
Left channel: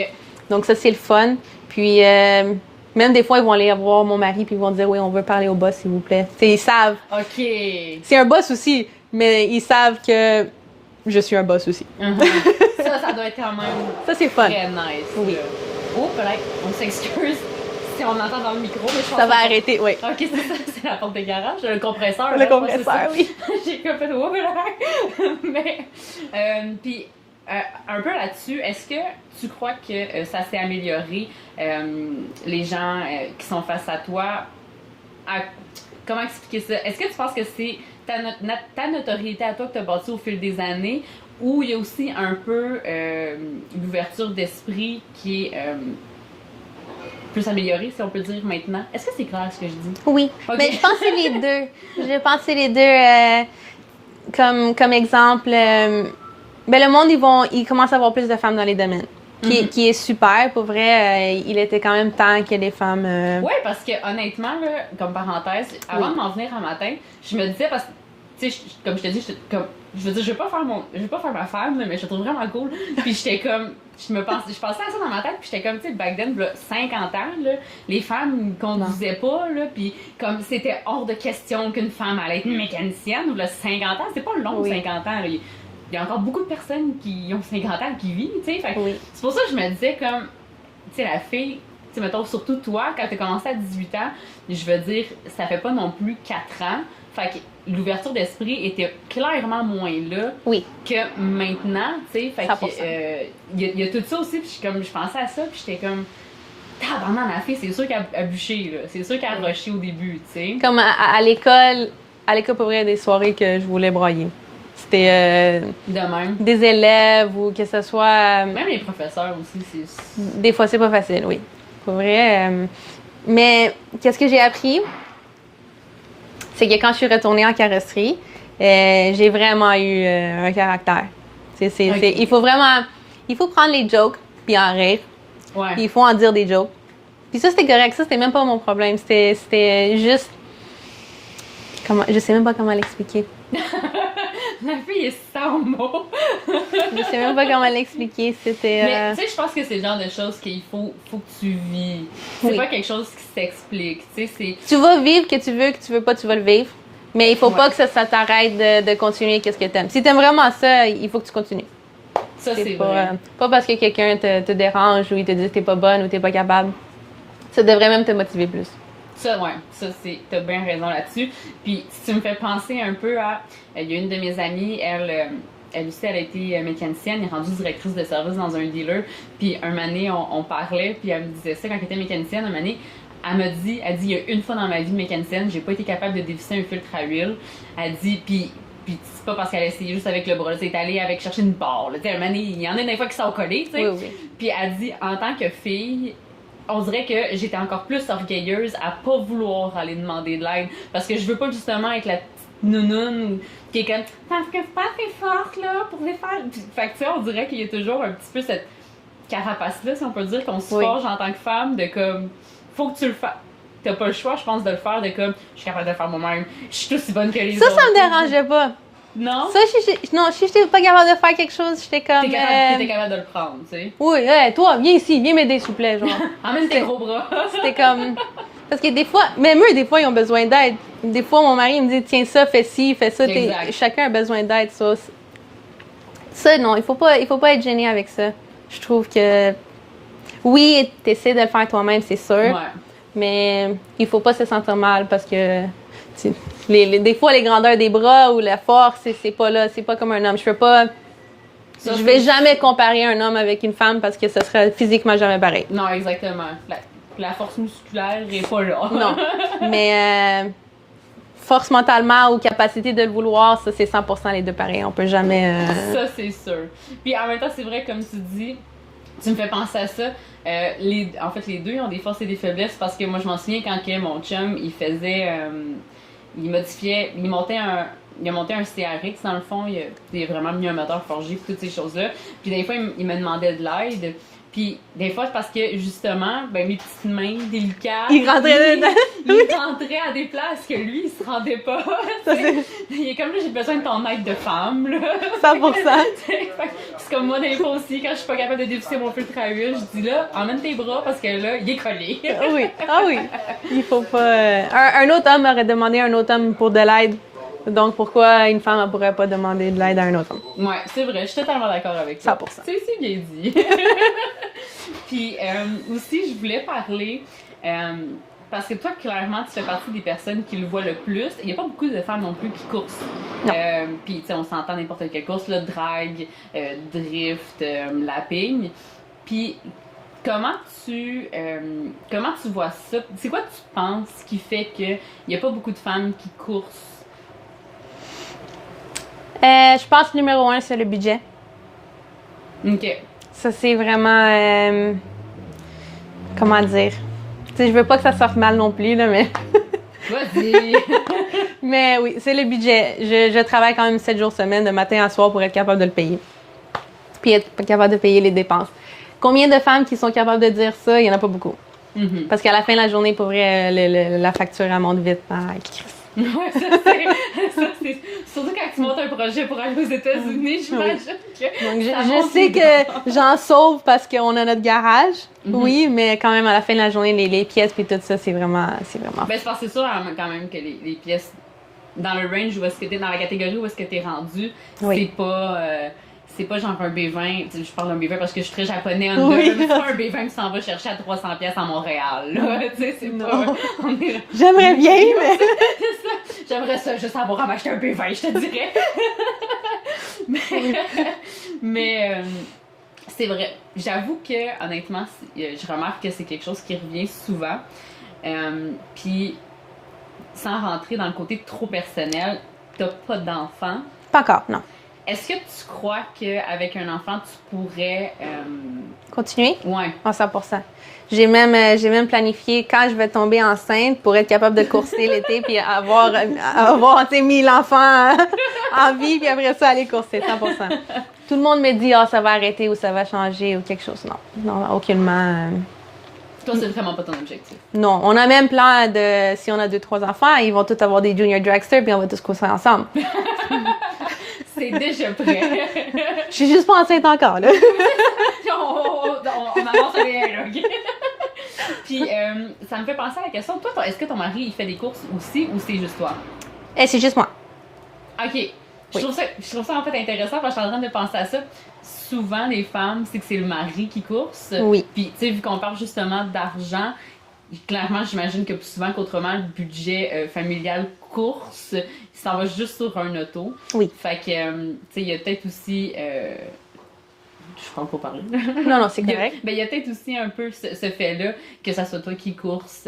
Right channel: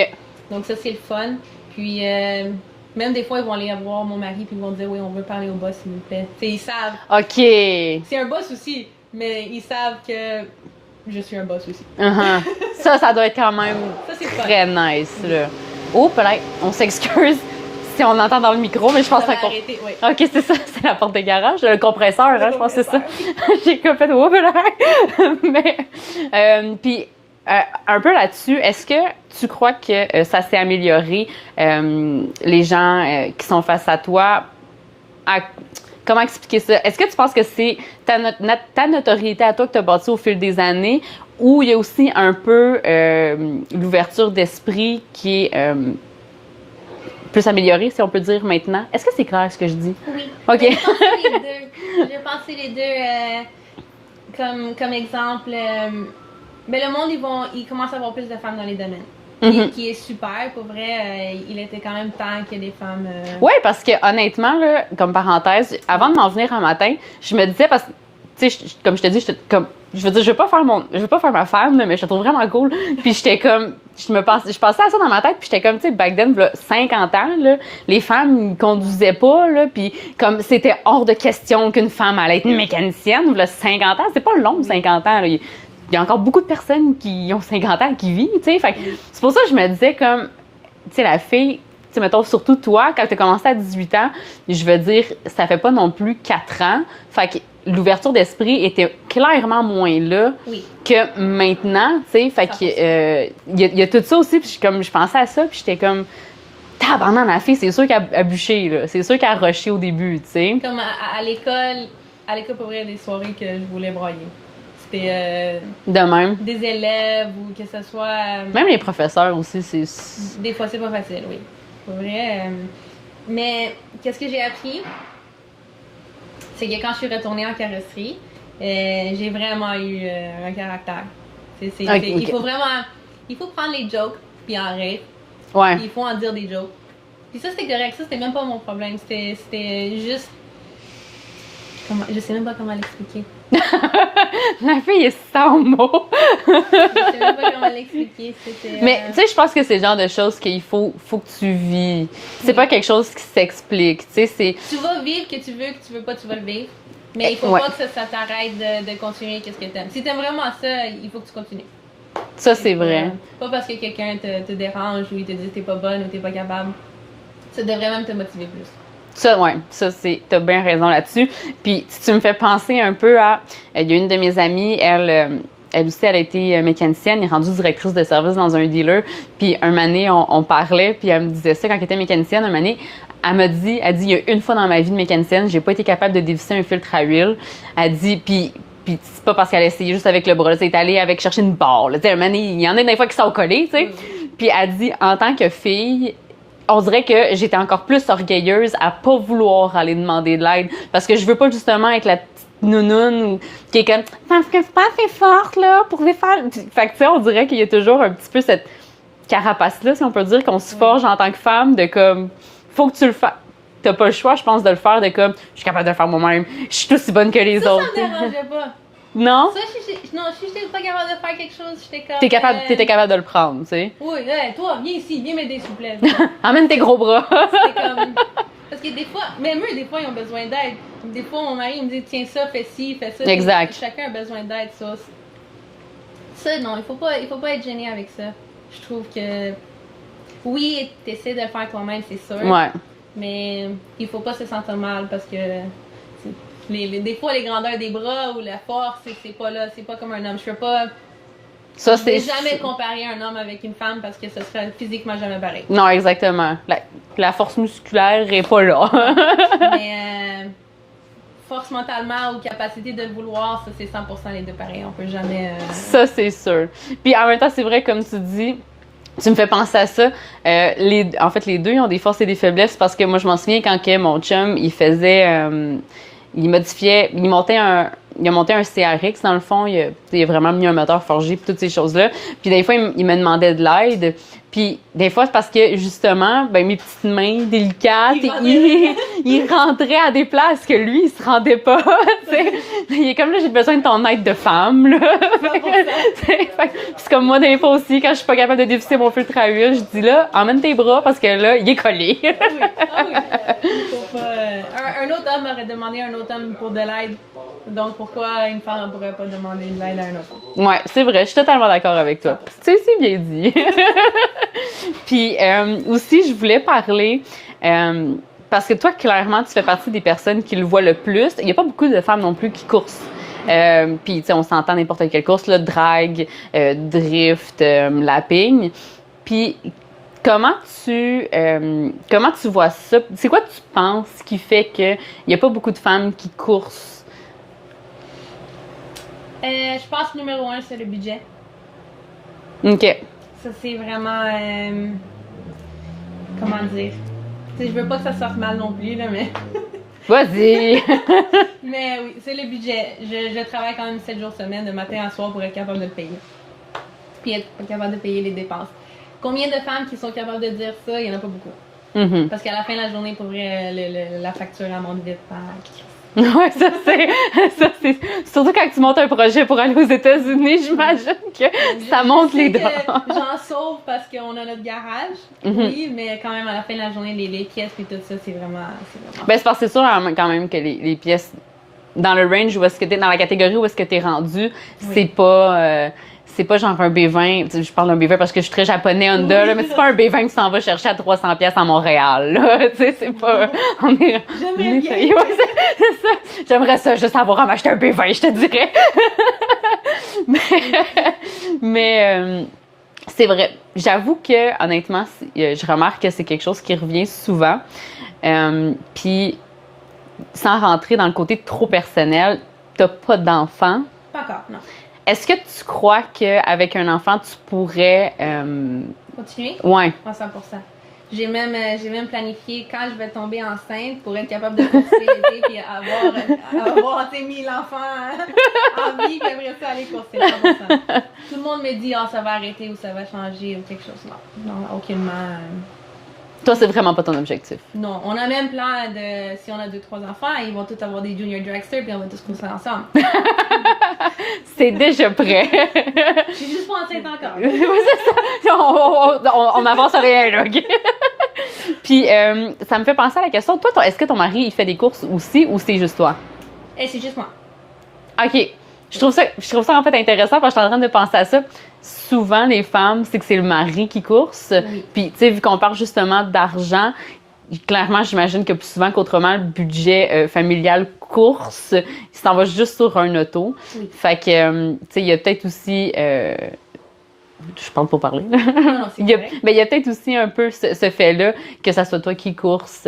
Donc, ça, c'est le fun. Puis, même des fois, ils vont aller voir mon mari, puis ils vont dire, oui, on veut parler au boss, s'il vous plaît. Ils savent. OK. C'est un boss aussi, mais ils savent que je suis un boss aussi. Ça doit être quand même ça, c'est fun. Très nice, là. Oh, peut-être, on s'excuse si on l'entend dans le micro, mais je pense ça que va arrêter, oui. OK, c'est ça, c'est la porte de garage, le compresseur, Le là, compresseur, je pense que c'est ça. oui. J'ai comme fait, oh, mais, puis, un peu là-dessus, est-ce que tu crois que ça s'est amélioré, les gens qui sont face à toi, comment expliquer ça? Est-ce que tu penses que c'est ta notoriété à toi que tu as bâtie au fil des années, ou il y a aussi un peu l'ouverture d'esprit qui est peut s'améliorer, si on peut dire maintenant? Est-ce que c'est clair ce que je dis? Oui. OK. Mais je pense que c'est les deux. Je pense que c'est les deux. Comme exemple, le monde, ils commencent à avoir plus de femmes dans les domaines. Qui est super. Pour vrai, il était quand même temps que les femmes... Oui, parce que honnêtement, là, comme parenthèse, avant de m'en venir un matin, je me disais, parce que, tu sais, comme je te dis, je veux dire, je veux pas faire ma femme, mais je la trouve vraiment cool. Puis j'étais comme, je passais à ça dans ma tête, puis j'étais comme, tu sais, back then, là, 50 ans, là, les femmes ne conduisaient pas, là, puis comme c'était hors de question qu'une femme allait être une mécanicienne, là, 50 ans, c'est pas long, 50 ans, là. Il y a encore beaucoup de personnes qui ont 50 ans qui vivent, tu sais. Fait que c'est pour ça que je me disais, comme, tu sais, la fille, tu sais, mettons, surtout toi, quand tu as commencé à 18 ans, je veux dire, ça fait pas non plus 4 ans. Fait que l'ouverture d'esprit était clairement moins là que maintenant, tu sais. Fait que, il y a tout ça aussi, puis je pensais à ça, puis j'étais comme, tabarnak, la fille, c'est sûr qu'elle a bûché, là. C'est sûr qu'elle a rushé au début, tu sais. Comme à l'école, pour vrai, il y a des soirées que je voulais broyer. C'était de même. Des élèves ou que ce soit... Même les professeurs aussi, c'est... Des fois, c'est pas facile, oui. Pour vrai. Mais qu'est-ce que j'ai appris? C'est que quand je suis retournée en carrosserie, j'ai vraiment eu un caractère. Il faut vraiment... Il faut prendre les jokes puis en rire. Ouais. Il faut en dire des jokes. Puis ça, c'était correct. Ça, c'était même pas mon problème. C'était juste... Je sais même pas comment l'expliquer. La fille est sans mots. Je sais même pas comment l'expliquer. C'était. Mais tu sais, je pense que c'est le genre de choses qu'il faut que tu vis. C'est pas quelque chose qui s'explique. Tu sais, tu vas vivre que tu veux pas, tu vas le vivre. Mais il faut pas que ça t'arrête de continuer qu'est-ce que t'aimes. Si t'aimes vraiment ça, il faut que tu continues. Ça, c'est vrai. Pas parce que quelqu'un te dérange ou il te dit que t'es pas bonne ou t'es pas capable. Ça devrait même te motiver plus. Ça, ouais, t'as bien raison là-dessus. Puis, tu me fais penser un peu à... Il y a une de mes amies, elle aussi, elle a été mécanicienne, elle est rendue directrice de service dans un dealer. Puis, un moment donné, on parlait, puis elle me disait ça quand elle était mécanicienne. Un moment donné, elle dit, il y a une fois dans ma vie de mécanicienne, j'ai pas été capable de dévisser un filtre à huile. Elle dit, puis c'est pas parce qu'elle a essayé juste avec le bras, c'est allée avec chercher une barre. Tu sais, un moment donné, il y en a des fois qui sont collés, tu sais. Oui. Puis, elle dit, en tant que fille... On dirait que j'étais encore plus orgueilleuse à pas vouloir aller demander de l'aide. Parce que je veux pas justement être la petite nounoune qui est comme « Parce que c'est pas assez forte, là, pour les faire... » Fait que, tu sais, on dirait qu'il y a toujours un petit peu cette carapace-là, si on peut dire, qu'on se forge en tant que femme, de comme « Faut que tu le fasses. » T'as pas le choix, je pense, de le faire, de comme « Je suis capable de le faire moi-même. Je suis aussi bonne que les autres. » Ça me dérangeait pas. Non? Ça, si j'étais pas capable de faire quelque chose, j'étais comme... T'étais capable de le prendre, tu sais. Oui, toi, viens ici, viens m'aider, s'il vous plaît. Emmène tes gros bras. C'était comme... Parce que des fois, même eux, des fois, ils ont besoin d'aide. Des fois, mon mari me dit, tiens ça, fais ci, fais ça. Exact. Chacun a besoin d'aide, ça. Ça, non, il faut pas être gêné avec ça. Je trouve que, oui, t'essaies de le faire toi-même, c'est sûr. Ouais. Mais il faut pas se sentir mal parce que des fois, les grandeurs des bras ou la force, c'est pas là. C'est pas comme un homme. Je vais jamais comparer un homme avec une femme parce que ce serait physiquement jamais pareil. Non, exactement. La force musculaire est pas là. Non. Mais force mentalement ou capacité de le vouloir, ça, c'est 100% les deux pareils. On peut jamais... Ça, c'est sûr. Puis en même temps, c'est vrai, comme tu dis, tu me fais penser à ça. En fait, les deux, ils ont des forces et des faiblesses parce que moi, je m'en souviens quand que mon chum, il faisait... il modifiait... Il a monté un CRX, dans le fond. Il a vraiment mis un moteur forgé puis toutes ces choses-là. Puis des fois, il me demandait de l'aide. Puis des fois, c'est parce que, justement, ben mes petites mains délicates, il rentrait à des places que lui, il se rendait pas. Il est comme là, j'ai besoin de ton aide de femme. Là. 100%. C'est comme moi, des fois aussi, quand je suis pas capable de dévisser mon filtre à huile, je dis là, emmène tes bras parce que là, il est collé. Ah oui. Il faut pas. Un autre homme aurait demandé à un autre homme pour de l'aide. Donc, pourquoi une femme ne pourrait pas demander de l'aide à un autre homme? Ouais, c'est vrai, je suis totalement d'accord avec toi. 100%. C'est bien dit. Puis aussi, je voulais parler, parce que toi, clairement, tu fais partie des personnes qui le voient le plus. Il n'y a pas beaucoup de femmes non plus qui coursent. Puis, tu sais, on s'entend n'importe quelle course, là, drag, drift, lapping. Puis, comment tu vois ça? C'est quoi tu penses qui fait qu'il n'y a pas beaucoup de femmes qui coursent? Je pense que numéro 1, c'est le budget. OK. Ça, c'est vraiment... comment dire? Tu sais, je veux pas que ça sorte mal non plus, là, mais... Vas-y! Mais oui, c'est le budget. Je travaille quand même 7 jours semaine, de matin à soir, pour être capable de le payer. Puis être capable de payer les dépenses. Combien de femmes qui sont capables de dire ça? Il y en a pas beaucoup. Mm-hmm. Parce qu'à la fin de la journée, pour vrai, la facture, elle monte vite. Ah, ouais, ça c'est. Surtout quand tu montes un projet pour aller aux États-Unis, j'imagine que ça monte les dépenses. J'en sauve parce qu'on a notre garage, Mm-hmm. mais quand même, à la fin de la journée, les pièces et tout ça, c'est vraiment. Ben, c'est parce que c'est sûr quand même que les pièces dans le range où est-ce que t'es, dans la catégorie où est-ce que t'es rendu, c'est pas genre un B20, je parle d'un B20 parce que je suis très japonais Honda, là, mais c'est pas un B20 que tu t'en vas chercher à 300$ à Montréal, là, tu sais, c'est pas... J'aimerais bien, c'est ça. J'aimerais ça, juste avoir à m'acheter un B20, je te dirais. mais c'est vrai, j'avoue que, honnêtement, je remarque que c'est quelque chose qui revient souvent, puis sans rentrer dans le côté trop personnel, t'as pas d'enfant. Pas encore, non. Est-ce que tu crois qu'avec un enfant, tu pourrais... Continuer? Ouais. À 100%. J'ai même planifié quand je vais tomber enceinte pour être capable de courser l'été puis avoir mis l'enfant en vie puis après ça aller courser 100%. Tout le monde me dit ça va arrêter ou ça va changer ou quelque chose. Non, aucunement. Toi, c'est vraiment pas ton objectif. Non, on a même plan de si on a 2-3 enfants, ils vont tous avoir des junior dragsters puis on va tous courser ensemble. C'est déjà prêt. Je suis juste pas enceinte encore, là. on avance rien, là, OK? Puis, ça me fait penser à la question, toi, est-ce que ton mari, il fait des courses aussi ou c'est juste toi? C'est juste moi. OK. Je trouve ça en fait intéressant parce que je suis en train de penser à ça. Souvent, les femmes, c'est que c'est le mari qui course. Oui. Puis, tu sais, vu qu'on parle justement d'argent, clairement, j'imagine que plus souvent qu'autrement, le budget familial course, il s'en va juste sur un auto. Oui. Fait que, tu sais, il y a peut-être aussi... je parle pour parler. Non, c'est correct. Mais il y a peut-être aussi un peu ce fait-là, que ça soit toi qui course,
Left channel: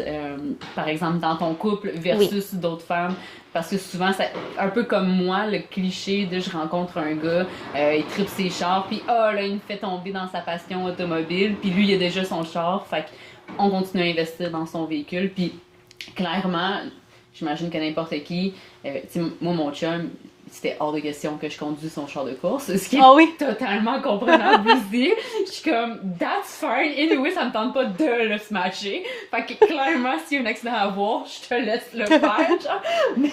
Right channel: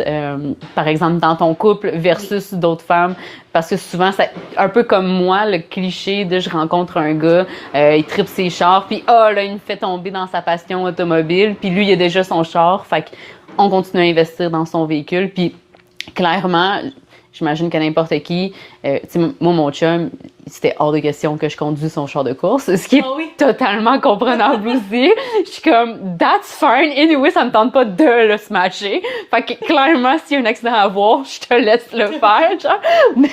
par exemple, dans ton couple versus d'autres femmes. Parce que souvent, c'est un peu comme moi, le cliché de je rencontre un gars, il tripe ses chars, puis là, il me fait tomber dans sa passion automobile, puis lui, il a déjà son char, fait qu'on continue à investir dans son véhicule, puis clairement, j'imagine que n'importe qui, tu sais, moi, mon chum, c'était hors de question que je conduise son char de course, ce qui est totalement comprenable aussi. Je suis comme, that's fine. Anyway, ça me tente pas de le smasher. Fait que clairement, s'il y a un accident à voir, je te laisse le faire, genre. Mais,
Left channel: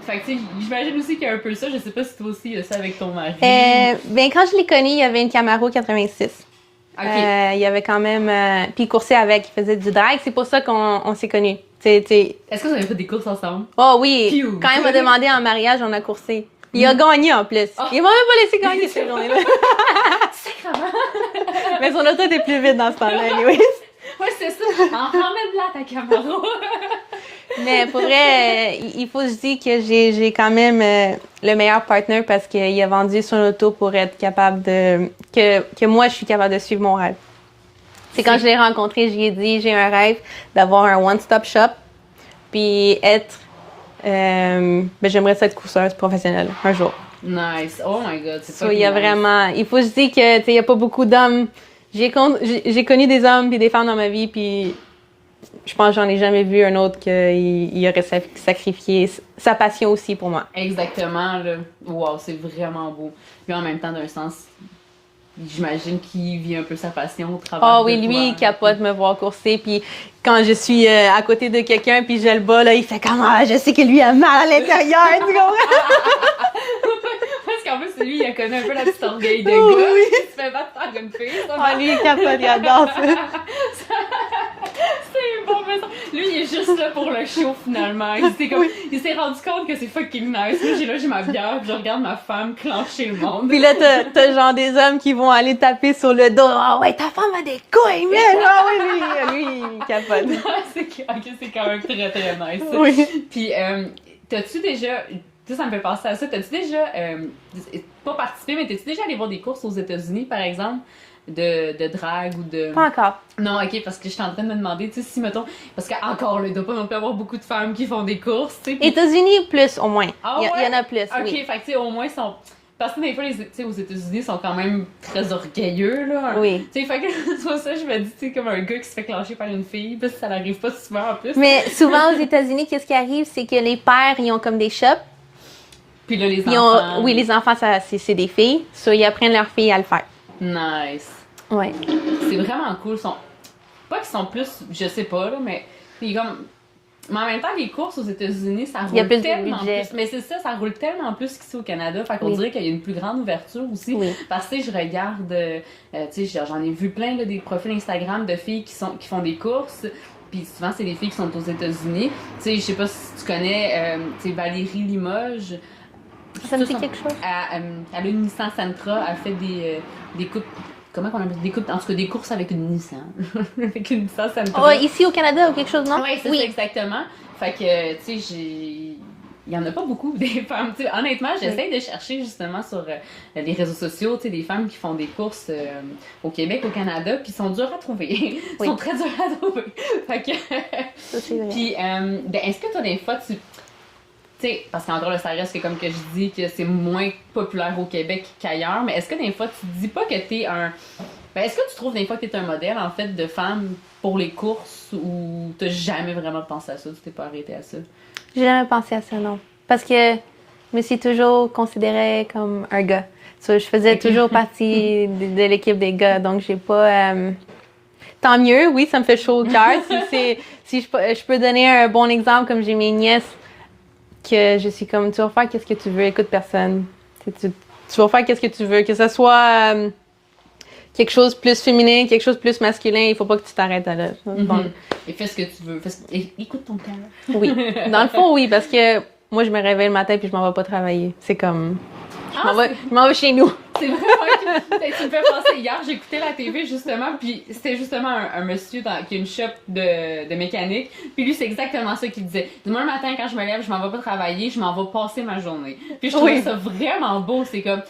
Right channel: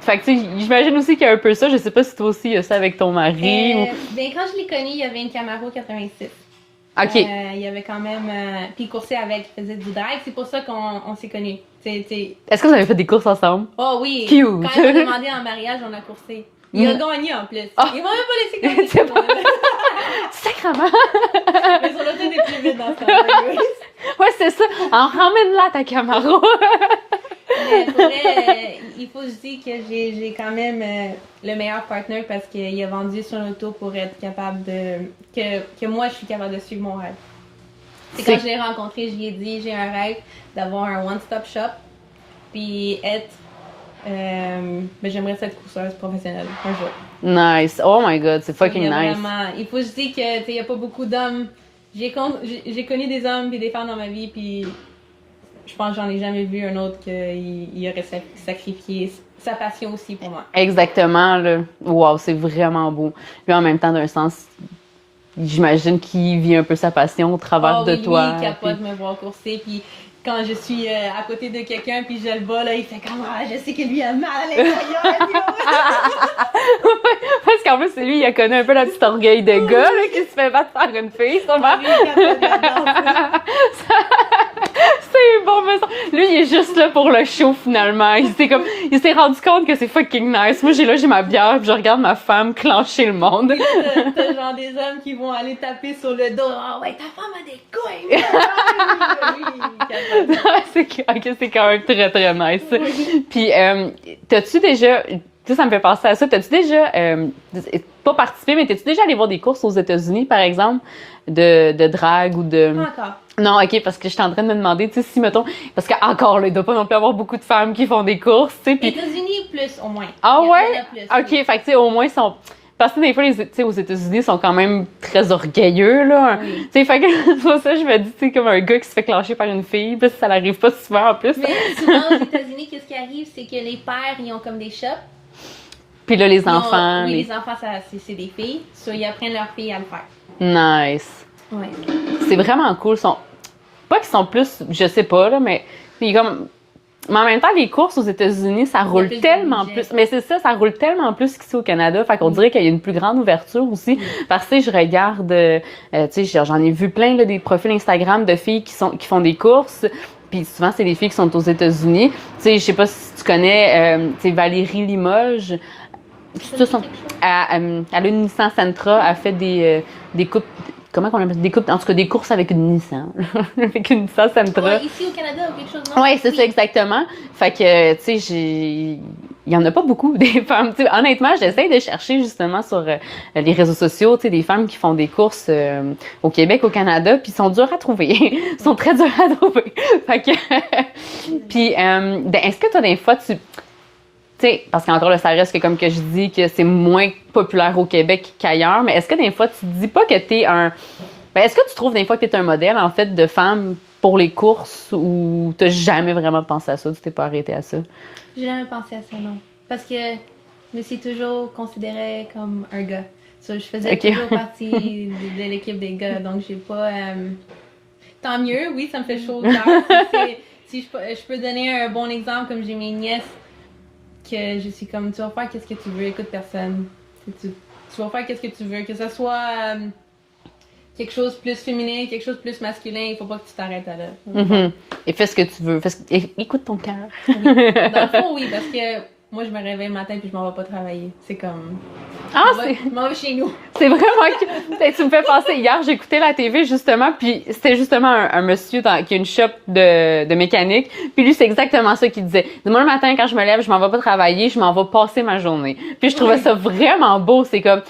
fait que tu sais, j'imagine aussi qu'il y a un peu ça. Je sais pas si toi aussi, il y a ça avec ton mari. Ben, quand je l'ai connu, il y avait une Camaro 86. OK. Il y avait quand même... puis il coursait avec, il faisait du drag. C'est pour ça qu'on s'est connus. Est-ce que vous avez fait des courses ensemble? Oh oui! Cute. Quand il m'a demandé en mariage, on a coursé. Il a gagné en plus. Oh. Il m'a même pas laissé gagner cette journée-là. Sacrement! Mais son auto était plus vite dans ce temps-là, anyways. Ouais, c'est ça. Alors, ramène-la ta Camaro. Mais pour vrai, il faut se dire que j'ai quand même le meilleur partner parce qu'il a vendu son auto pour être capable de... Que moi, je suis capable de suivre mon rêve. C'est quand je l'ai rencontré, je lui ai dit, j'ai un rêve d'avoir un one-stop shop puis être... j'aimerais ça être courseuse professionnelle un jour. Nice. Oh my God, c'est fucking Il y a nice. vraiment... Il faut se dire que, tu sais, il n'y a pas beaucoup d'hommes. J'ai connu des hommes et des femmes dans ma vie, puis je pense que j'en ai jamais vu un autre qui aurait sacrifié sa passion aussi pour moi. Exactement, là. Wow, c'est vraiment beau. Puis en même temps, d'un sens, j'imagine qu'il vit un peu sa passion au travers de Oui, lui, toi. il capote me voir courser, puis quand je suis à côté de quelqu'un, puis je le bats, là, il fait comme « Ah, je sais que lui a mal à l'intérieur! » tu comprends? Parce qu'en plus, lui, il a connu un peu la petite orgueil de gars qui se fait battre par une fille. Lui, il capote, il adore ça. C'est bon, mais ça... Lui, il est juste là pour le show, finalement. Il s'est rendu compte que c'est fucking nice. Moi, j'ai ma bière, puis je regarde ma femme clencher le monde. Puis là, t'as genre des hommes qui vont aller taper sur le dos. « Ah ouais, ta femme a des couilles, mais lui, il capote. » c'est quand même très, très nice. Oui. Puis, t'as-tu déjà... Tu sais, ça me fait penser à ça. T'as-tu déjà... pas participé, mais t'es-tu déjà allé voir des courses aux États-Unis, par exemple, de drague ou de... Pas encore. Non, OK, parce que j'étais en train de me demander, tu sais, si, mettons... Parce qu'encore, là, il doit pas non plus avoir beaucoup de femmes qui font des courses, tu sais. Puis... États-Unis, plus, au moins. Ah ouais? Il y en a plus, OK, oui. fait que, tu sais, au moins, ils sont... Parce que des fois, tu sais, aux États-Unis, ils sont quand même très orgueilleux, là. Oui. Tu sais, fait que c'est pour ça que je me dis, tu sais, comme un gars qui se fait clencher par une fille, puis ça n'arrive pas souvent, en plus. Mais souvent, aux États-Unis, qu'est-ce qui arrive? C'est que les pères, ils ont comme des shops. Puis là, les enfants... Oui, les enfants, c'est des filles. So, ils apprennent leurs filles à le faire. Nice. Oui. C'est vraiment cool. Pas qu'ils sont plus, je sais pas, là, mais comme... Mais en même temps, les courses aux États-Unis, ça roule plus de tellement budget. plus. Mais c'est ça roule tellement plus qu'ici au Canada. Fait qu'on dirait qu'il y a une plus grande ouverture aussi. Oui. Parce que tu sais, je regarde, tu sais, j'en ai vu plein là, des profils Instagram de filles qui font des courses. Puis souvent, c'est des filles qui sont aux États-Unis. Tu sais, je sais pas si tu connais, tu sais, Valérie Limoges. Ça me dit quelque chose? Elle a une Nissan Sentra, elle fait des coupes. Comment on appelle ça? Des coupes, en tout cas des courses avec une Nissan. Avec une Nissan Sentra. Oh, ici au Canada ou quelque chose, non? Oui, c'est ça, exactement. Fait que, tu sais, il y en a pas beaucoup, des femmes. T'sais, honnêtement, j'essaie de chercher justement sur les réseaux sociaux, tu sais, des femmes qui font des courses au Québec, au Canada, puis ils sont durs à trouver. Ils sont très durs à trouver. Fait que... Puis, est-ce que toi, des fois, tu sais, parce qu'encore là, ça reste que, comme que je dis, que c'est moins populaire au Québec qu'ailleurs, mais est-ce que des fois, tu te dis pas que t'es un... Ben, est-ce que tu trouves des fois que t'es un modèle, en fait, de femme pour les courses, ou t'as jamais vraiment pensé à ça, tu t'es pas arrêté à ça? J'ai jamais pensé à ça, non. Parce que je me suis toujours considérée comme un gars. So, je faisais toujours partie de l'équipe des gars, donc j'ai pas... Tant mieux, oui, ça me fait chaud au cœur. Si je peux donner un bon exemple, comme j'ai mes nièces, que je suis comme, tu vas faire qu'est-ce que tu veux, écoute personne. Tu vas faire qu'est-ce que tu veux, que ce soit quelque chose de plus féminin, quelque chose de plus masculin, il faut pas que tu t'arrêtes à là. Bon. Et fais ce que tu veux. Écoute ton cœur. Oui. Dans le fond, oui, parce que moi, je me réveille le matin puis je m'en vais pas travailler. C'est comme... je m'en vais chez nous. C'est vraiment que... Tu me fais penser, hier, j'écoutais la TV, justement, puis c'était justement un monsieur qui a une shop de mécanique, puis lui, c'est exactement ça qu'il disait. Moi, le matin, quand je me lève, je m'en vais pas travailler, je m'en vais passer ma journée. Puis je trouvais ça vraiment beau. C'est comme...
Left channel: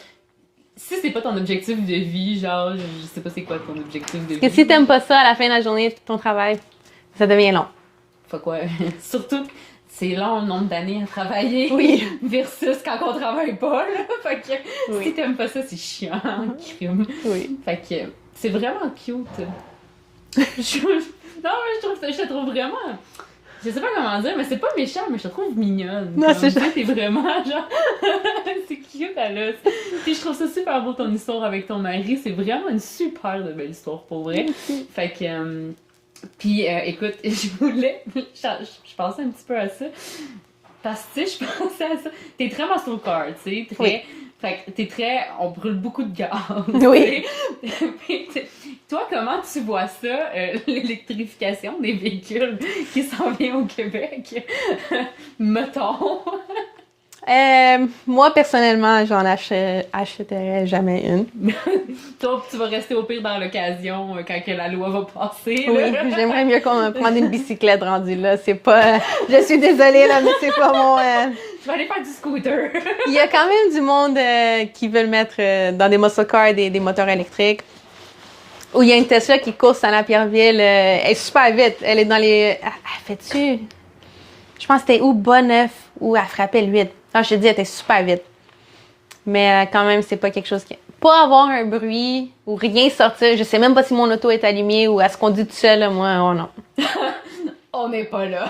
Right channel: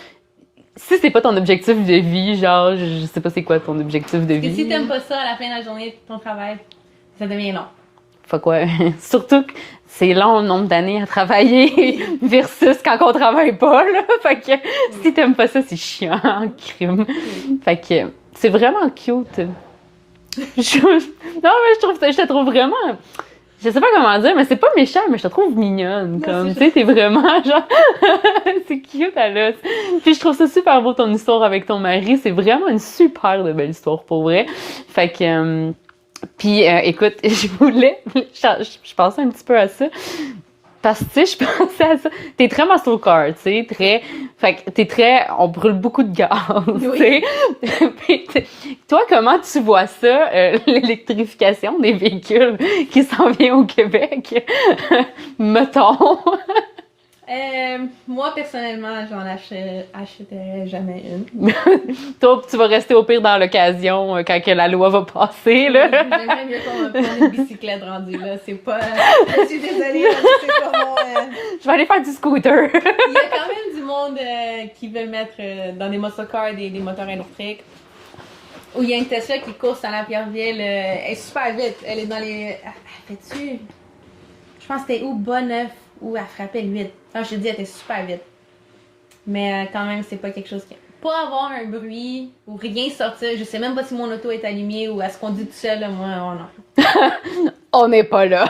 Si c'est pas ton objectif de vie, genre, je sais pas c'est quoi ton objectif de vie. Parce que si t'aimes pas ça, à la fin de la journée, ton travail, ça devient long. Fait quoi? Surtout que c'est long le nombre d'années à travailler versus quand on travaille pas, là. Fait que si t'aimes pas ça, c'est chiant, en crime. Oui. Fait que c'est vraiment cute. Non, mais je te trouve vraiment... Je sais pas comment dire, mais c'est pas méchant, mais je te trouve mignonne. Non, Tu sais, t'es vraiment genre... c'est cute à l'os. Puis je trouve ça super beau ton histoire avec ton mari. C'est vraiment une super de belle histoire, pour vrai. Fait que... Puis, écoute, je pensais un petit peu à ça. Parce que, tu sais, je pensais à ça. T'es très muscle car, tu sais, très... Fait que t'es très... On brûle beaucoup de gaz, Oui. Puis, toi, comment tu vois ça, l'électrification des véhicules qui s'en vient au Québec? Mettons. Moi, personnellement, j'en achèterais jamais une. Toi, tu vas rester au pire dans l'occasion quand que la loi va passer. Là. Oui, j'aimerais mieux qu'on me prenne une bicyclette rendue là. C'est pas. Je suis désolée, là, mais c'est pas mon. Je vais aller faire du scooter. Il y a quand même du monde qui veut le mettre dans des muscle cars, des moteurs électriques. Où il y a une Tesla qui course à la Pierreville. Elle est super vite. Elle est dans les. Elle fait-tu? Je pense que c'était ou Bonneuf ou elle frappait le 8. Non, je te dis, elle était super vite. Mais quand même, c'est pas quelque chose qui. Pas avoir un bruit ou rien sortir. Je sais même pas si mon auto est allumée ou elle se conduit tout seul. Là, moi, oh non. On n'est pas là.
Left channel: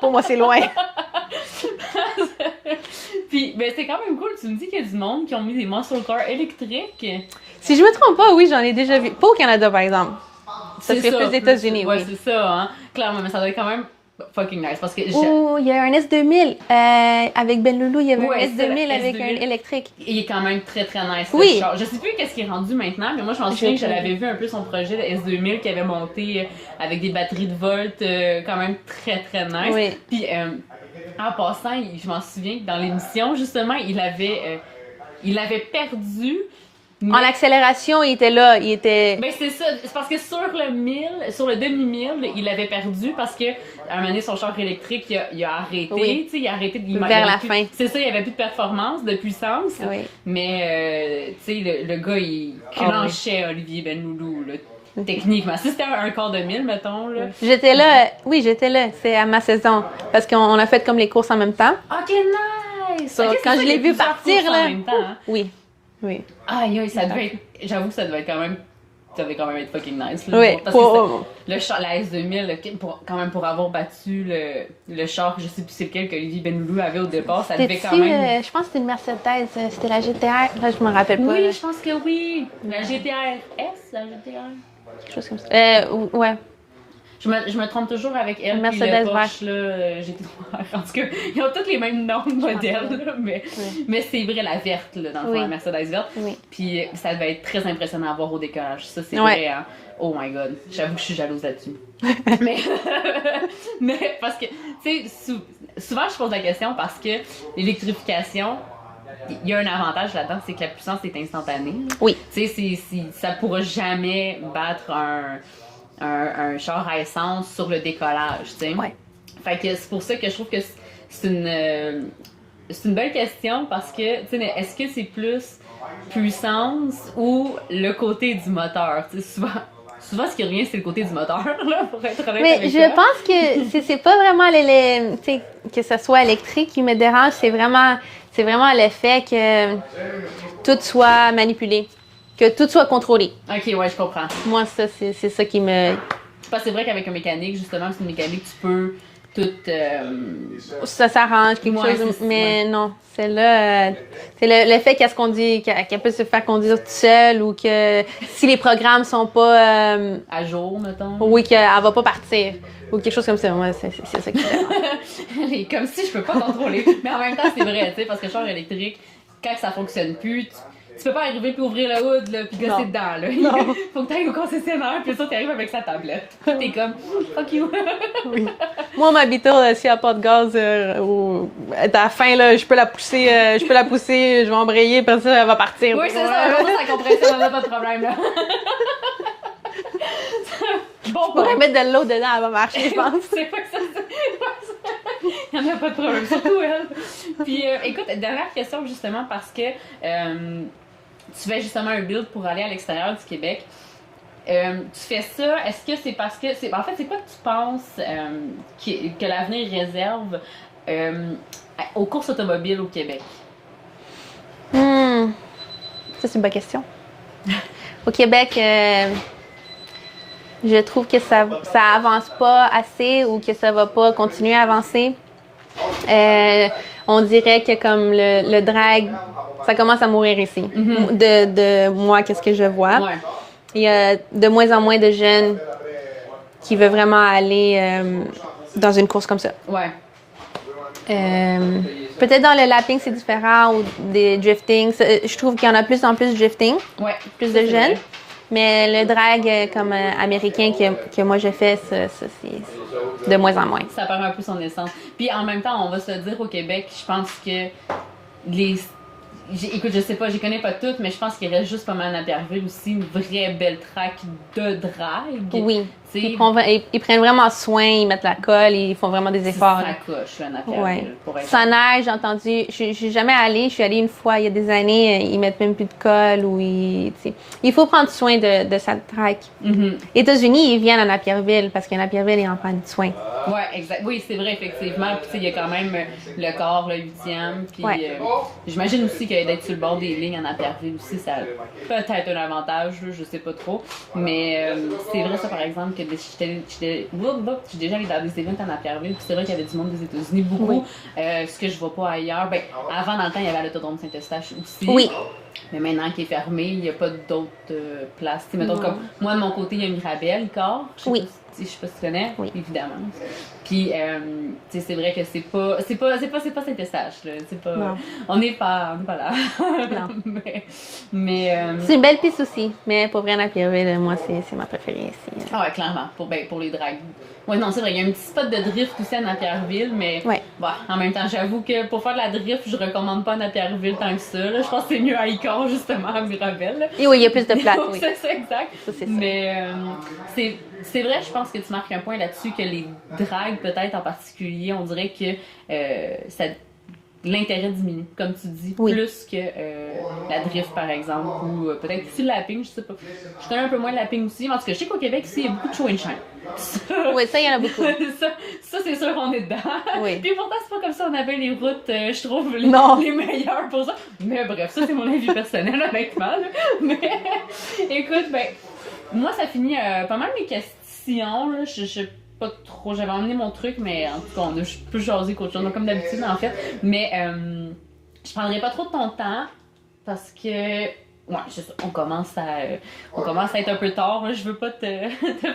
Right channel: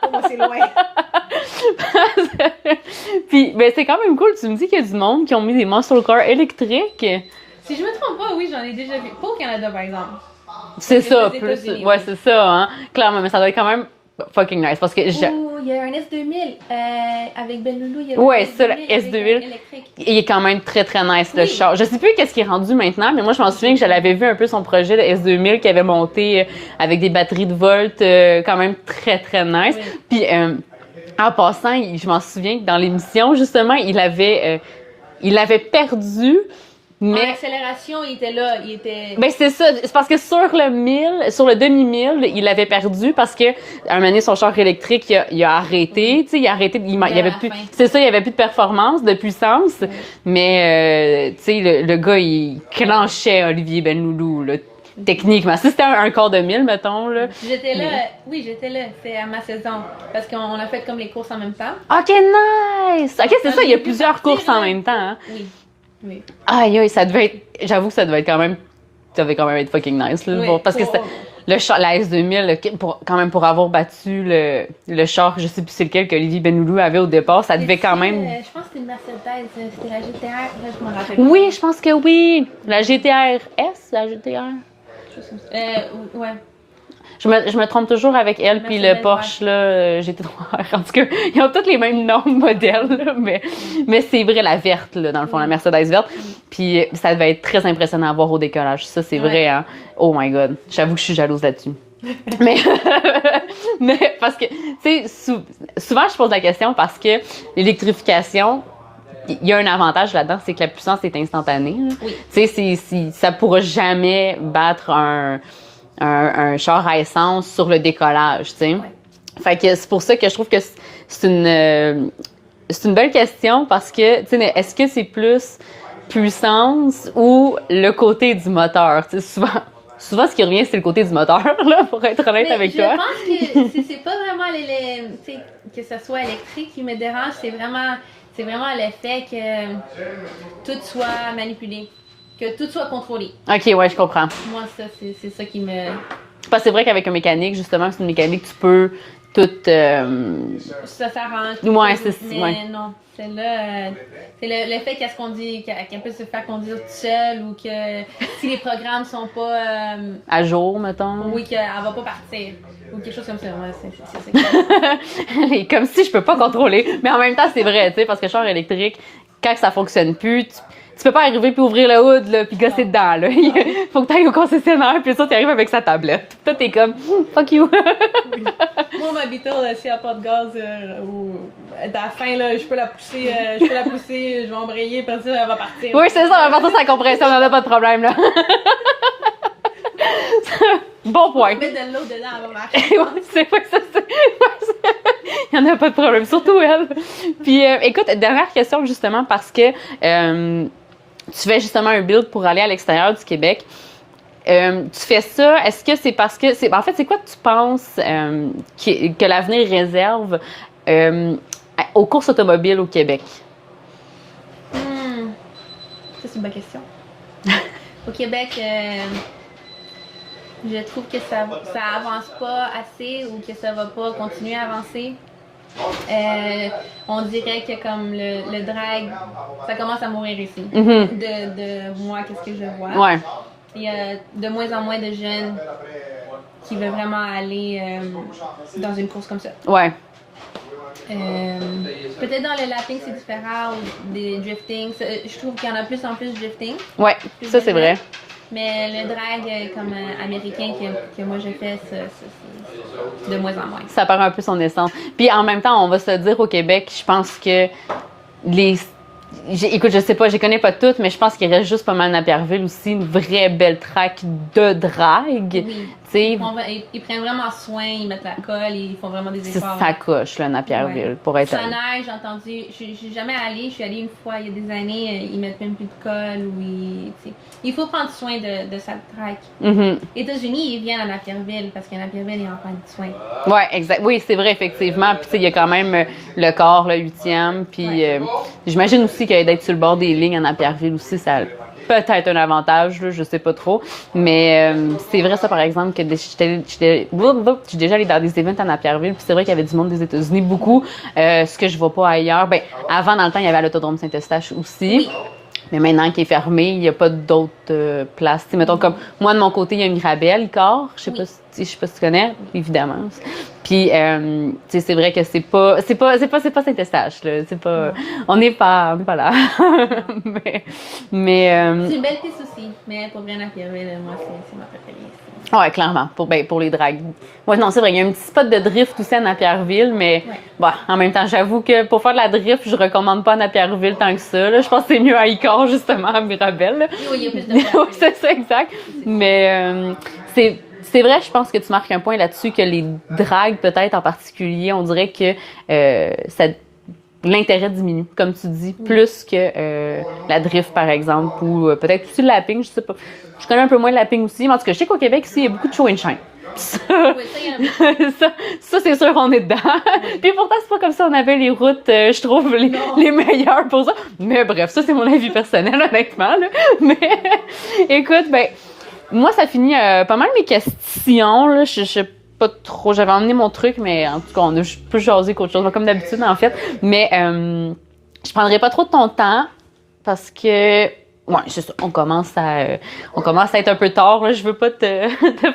Pour moi, c'est loin. Puis, ben, c'est quand même cool. Tu me dis qu'il y a du monde qui ont mis des muscle cars électriques. Si je me trompe pas, oui, j'en ai déjà vu. Pas au Canada, par exemple. C'est ça. Aux États-Unis. Ouais, oui. c'est ça, hein. Clairement, mais ça doit être quand même fucking nice parce que Oh, il y a un S2000 avec Ben Loulou, il y avait ouais, un c'est ça, le S2000 avec S2000. un électrique. il est quand même très très nice le Oui. char. Je sais plus qu'est-ce qu'il est rendu maintenant, mais moi je m'en souviens que je l'avais vu un peu son projet le S2000 qui avait monté avec des batteries de volt quand même très très nice. Oui. Puis en passant, je m'en souviens que dans l'émission justement, il avait perdu. En Mais accélération, il était là. Il était. ben c'est ça, c'est parce que sur le demi-mille, il avait perdu parce que à un moment donné, son char électrique, il a arrêté, Oui. tu sais, il a arrêté, il Vers avait la plus, fin. c'est ça, il y avait plus de performance, de puissance, Oui. mais tu sais, le gars, il clenchait Olivier Benloulou, là, techniquement. Si c'était un quart de mille, mettons, là. J'étais là. Oui, j'étais là. C'est à ma saison. Parce qu'on a fait comme les courses en même temps. OK, nice! OK, c'est Quand ça, je il y a l'ai vu plusieurs partir, courses en là. même temps, hein. Oui. Oui. Aïe, aïe, ça devait être, j'avoue que ça devait être quand même, ça devait quand même être fucking nice, là, Oui, voir, parce pour- que le char, la S2000, quand même pour avoir battu le char, je sais plus c'est lequel qu'Olivier Benloulou avait au départ, ça devait quand C'était-tu, même... je pense que c'était une Mercedes. C'était la GTR. Là, je me rappelle pas. Oui, je pense que oui! La GTR S, la GTR? Quelque chose comme ça. Ouais. Je me trompe toujours avec elle puis le Mercedes Porsche, là, GT3R. En tout cas, ils ont tous les mêmes noms de modèles, là, mais c'est vrai, la verte, là, dans le fond, Oui. la Mercedes verte. Oui. Puis ça devait être très impressionnant à voir au décollage. Ça, c'est Ouais. vrai, hein? Oh my God. J'avoue que je suis jalouse là-dessus. mais, mais parce que, tu sais, souvent, je pose la question parce que l'électrification, il y a un avantage là-dedans, c'est que la puissance est instantanée. Là. Oui. Tu sais, ça pourra jamais battre un char à essence sur le décollage, tu sais. Ouais. Fait que c'est pour ça que je trouve que c'est une belle question parce que, tu sais, est-ce que c'est plus puissance ou le côté du moteur? Tu sais, souvent, ce qui revient, c'est le côté du moteur, là, pour être honnête Mais avec je toi. pense que c'est pas vraiment tu sais, que ce soit électrique qui me dérange, c'est vraiment le fait que tout soit manipulé, que tout soit contrôlé. OK, ouais, je comprends. Moi, ça, c'est ça qui me... Parce que c'est vrai qu'avec un mécanique, justement, c'est une mécanique, tu peux tout... Ça s'arrange, quelque Ouais, chose, c'est- mais ouais. non, c'est là... c'est le fait qu'elle se conduit, qu'elle peut se faire conduire toute seule ou que si les programmes sont pas... à jour, mettons. oui, qu'elle va pas partir. Ou quelque chose comme ça. Moi, c'est ça qui... Et comme si je peux pas contrôler. Mais en même temps, c'est vrai, tu sais, parce que le char électrique, quand ça fonctionne plus, tu peux pas arriver puis ouvrir le hood, là, puis gosser Non. dedans, là. Faut que t'ailles au concessionnaire, puis ça, t'arrives avec sa tablette. Toi, t'es comme, fuck you. Moi, ma Beetle, s'il n'y a pas de gaz, à la fin, là, je peux la pousser, je vais embrayer, puis ça, elle va partir. Oui, c'est ça, après ça, ça compression, on a pas de problème, là. Bon Pour point. mettre de l'eau dedans, elle va marcher, je pense. Il n'y en a pas de problème, surtout elle. Puis, écoute, dernière question, justement, parce que tu fais justement un build pour aller à l'extérieur du Québec. Tu fais ça, est-ce que c'est parce que... En fait, c'est quoi que tu penses que l'avenir réserve aux courses automobiles au Québec? Ça, c'est une bonne question. Au Québec, je trouve que ça avance pas assez ou que ça va pas continuer à avancer. On dirait que comme le drag, ça commence à mourir ici. De moi, qu'est-ce que je vois. Ouais. Il y a de moins en moins de jeunes qui veulent vraiment aller dans une course comme ça. Ouais. Peut-être dans le lapping, c'est différent ou des drifting. Je trouve qu'il y en a plus en plus de drifting. Ouais. Plus Ça, de c'est jeunes. vrai. Mais le drag comme américain que moi je fais, ça c'est de moins en moins. Ça perd un peu son essence. Puis en même temps, on va se dire au Québec, je pense que écoute, je sais pas, je les connais pas toutes, mais je pense qu'il reste juste pas mal Napierville aussi, une vraie belle track de drague. Oui. Ils prennent vraiment soin, ils mettent la colle, ils font vraiment des efforts. Ça coche, là, Napierville, pour être... Ça neige, j'ai entendu, je suis jamais allée, je suis allée une fois il y a des années, ils mettent même plus de colle ou il faut prendre soin de sa track. Mm-hmm. Les États-Unis, ils viennent à Napierville parce qu'à Napierville, ils en prennent soin. Oui, exact. Oui, c'est vrai, effectivement. Puis, tu sais, il y a quand même le corps, le 8e. Puis, j'imagine aussi que d'être sur le bord des lignes à Napierville aussi, ça a peut-être un avantage, là, je sais pas trop. Mais c'est vrai, ça, par exemple, que j'étais déjà allée dans des events à Napierville. Puis, c'est vrai qu'il y avait du monde des États-Unis, beaucoup. Ce que je vois pas ailleurs. Ben, avant, dans le temps, il y avait à l'Autodrome Saint-Eustache aussi. Oui. Mais maintenant qu'il est fermé, il n'y a pas d'autres places. T'sais, mettons, comme moi, de mon côté, il y a une Mirabelle, Corps. Je sais pas si tu connais, évidemment. Puis, c'est vrai que c'est pas Saint-Eustache, là. C'est pas... On n'est pas là. mais c'est une belle piste aussi. Mais pour vrai, Napierville, moi, c'est ma préférée ici. Ouais, clairement. Pour les dragues. Ouais, non, c'est vrai. Il y a un petit spot de drift aussi à Napierville, mais en même temps, j'avoue que pour faire de la drift, je recommande pas à Napierville tant que ça. Là. Je pense que c'est mieux à Icor, justement, à Mirabelle. Là. Et oui, il y a plus de place. Oui. C'est ça, exact. Mais c'est vrai, je pense que tu marques un point là-dessus, que les dragues, peut-être en particulier, on dirait que l'intérêt diminue, comme tu dis, plus que la drift, par exemple, ou peut-être aussi le lapping, je sais pas. Je connais un peu moins le lapping aussi, mais en tout cas, je sais qu'au Québec, ici, il y a beaucoup de show and shine. Oui, ça, il y en a beaucoup. ça c'est sûr qu'on est dedans. Oui. Puis pourtant, c'est pas comme ça on avait les routes, je trouve, les meilleures pour ça. Mais bref, ça, c'est mon avis personnel, honnêtement. Là. Mais écoute, moi, ça finit pas mal mes questions. Là. Je sais pas trop. J'avais emmené mon truc, mais en tout cas, on a plus jasé qu'autre chose, comme d'habitude, en fait. Mais je prendrai pas trop de ton temps parce que... Ouais, c'est ça. On commence à être un peu tard. Là. Je veux pas te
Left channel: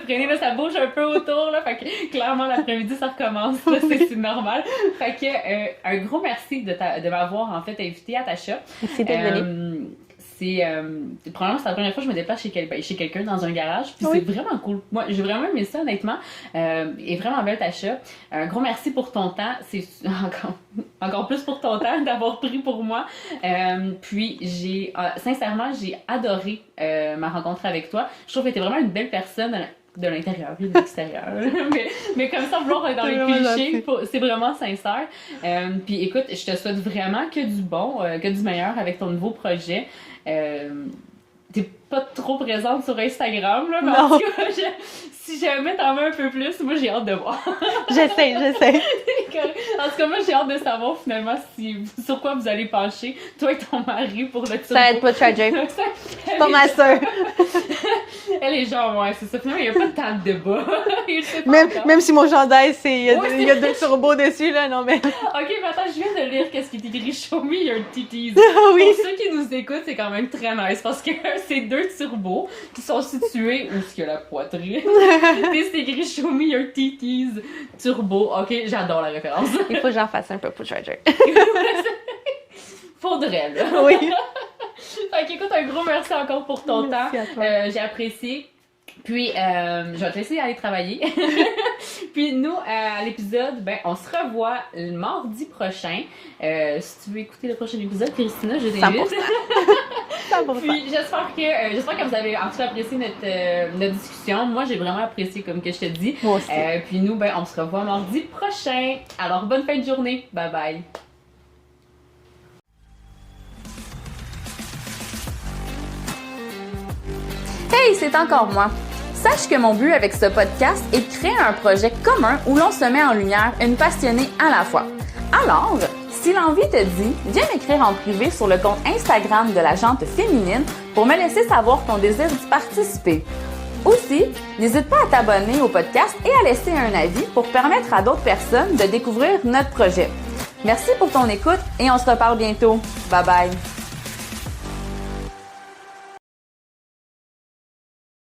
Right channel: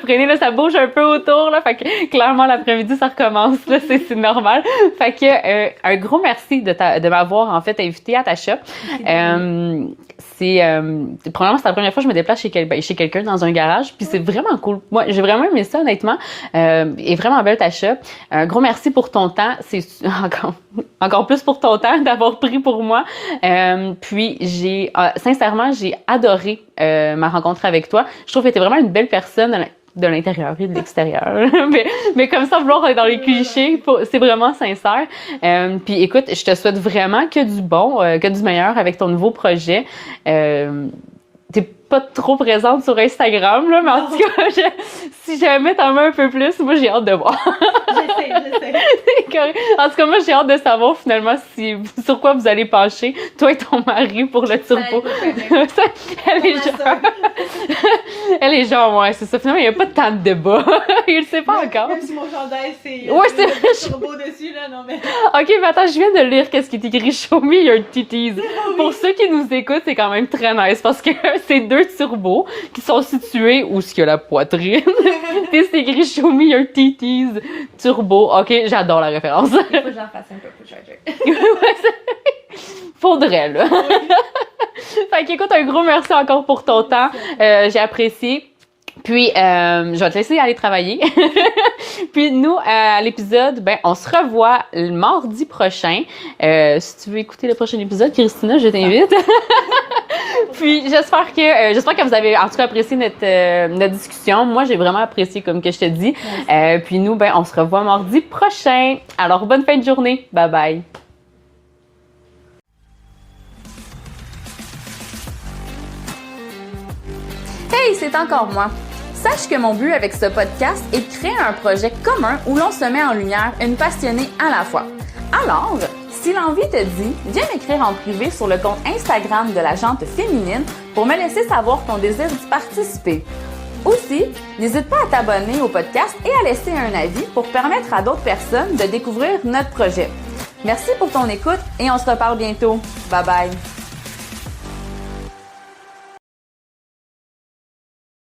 freiner. Là, ça bouge un peu autour. Là. Fait que clairement, l'après-midi, ça recommence. Là. C'est normal. Fait que un gros merci de m'avoir en fait invité à ta shop. Premièrement, c'est la première fois que je me déplace chez quelqu'un dans un garage, puis c'est vraiment cool. Moi, j'ai vraiment aimé ça, honnêtement. Et vraiment belle ta shop. Un gros merci pour ton temps. C'est encore plus pour ton temps d'avoir pris pour moi. Puis sincèrement, j'ai adoré ma rencontre avec toi. Je trouve que tu es vraiment une belle personne de l'intérieur et de l'extérieur. mais comme ça, vouloir être dans les clichés, c'est vraiment sincère. Puis écoute, je te souhaite vraiment que du bon, que du meilleur avec ton nouveau projet. T'es pas trop présente sur Instagram, là, mais en tout cas, si jamais t'en mets un peu plus, moi, j'ai hâte de voir. J'essaie. En tout cas, moi, j'ai hâte de savoir, finalement, sur quoi vous allez pencher, toi et ton mari, pour le turbo. Ça va être pas tragique. Pas ma soeur. Elle est genre, c'est ça. Finalement, il n'y a pas tant de débat. Il le sait pas encore. Même si mon chandail, il y a des turbos dessus, là, non, mais... OK, mais attends, je viens de lire qu'est-ce qui est écrit « Show me your titties ». Pour ceux qui nous écoutent, c'est quand même très nice, parce que c'est 2 turbos qui sont situés où est-ce qu'il y a la poitrine. Et c'est écrit Show me your titties turbo. OK, j'adore la référence. Il faut que j'en fasse un peu pour Treasure. Faudrait, là. Oui. Fait qu'écoute, un gros merci encore pour ton temps. J'ai apprécié. Puis, je vais te laisser aller travailler. Puis, nous, à l'épisode, on se revoit le mardi prochain. Si tu veux écouter le prochain épisode, Christina, je t'invite. Puis, j'espère que vous avez en tout cas apprécié notre discussion. Moi, j'ai vraiment apprécié, comme que je te dis. Moi aussi. Puis, nous, on se revoit mardi prochain. Alors, bonne fin de journée. Bye bye. Hey, c'est encore moi. Sache que mon but avec ce podcast est de créer un projet commun où l'on se met en lumière une passionnée à la fois. Alors, si l'envie te dit, viens m'écrire en privé sur le compte Instagram de la Jante Féminine pour me laisser savoir ton désir d'y participer. Aussi, n'hésite pas à t'abonner au podcast et à laisser un avis pour permettre à d'autres personnes de découvrir notre projet. Merci pour ton écoute et on se reparle bientôt. Bye bye!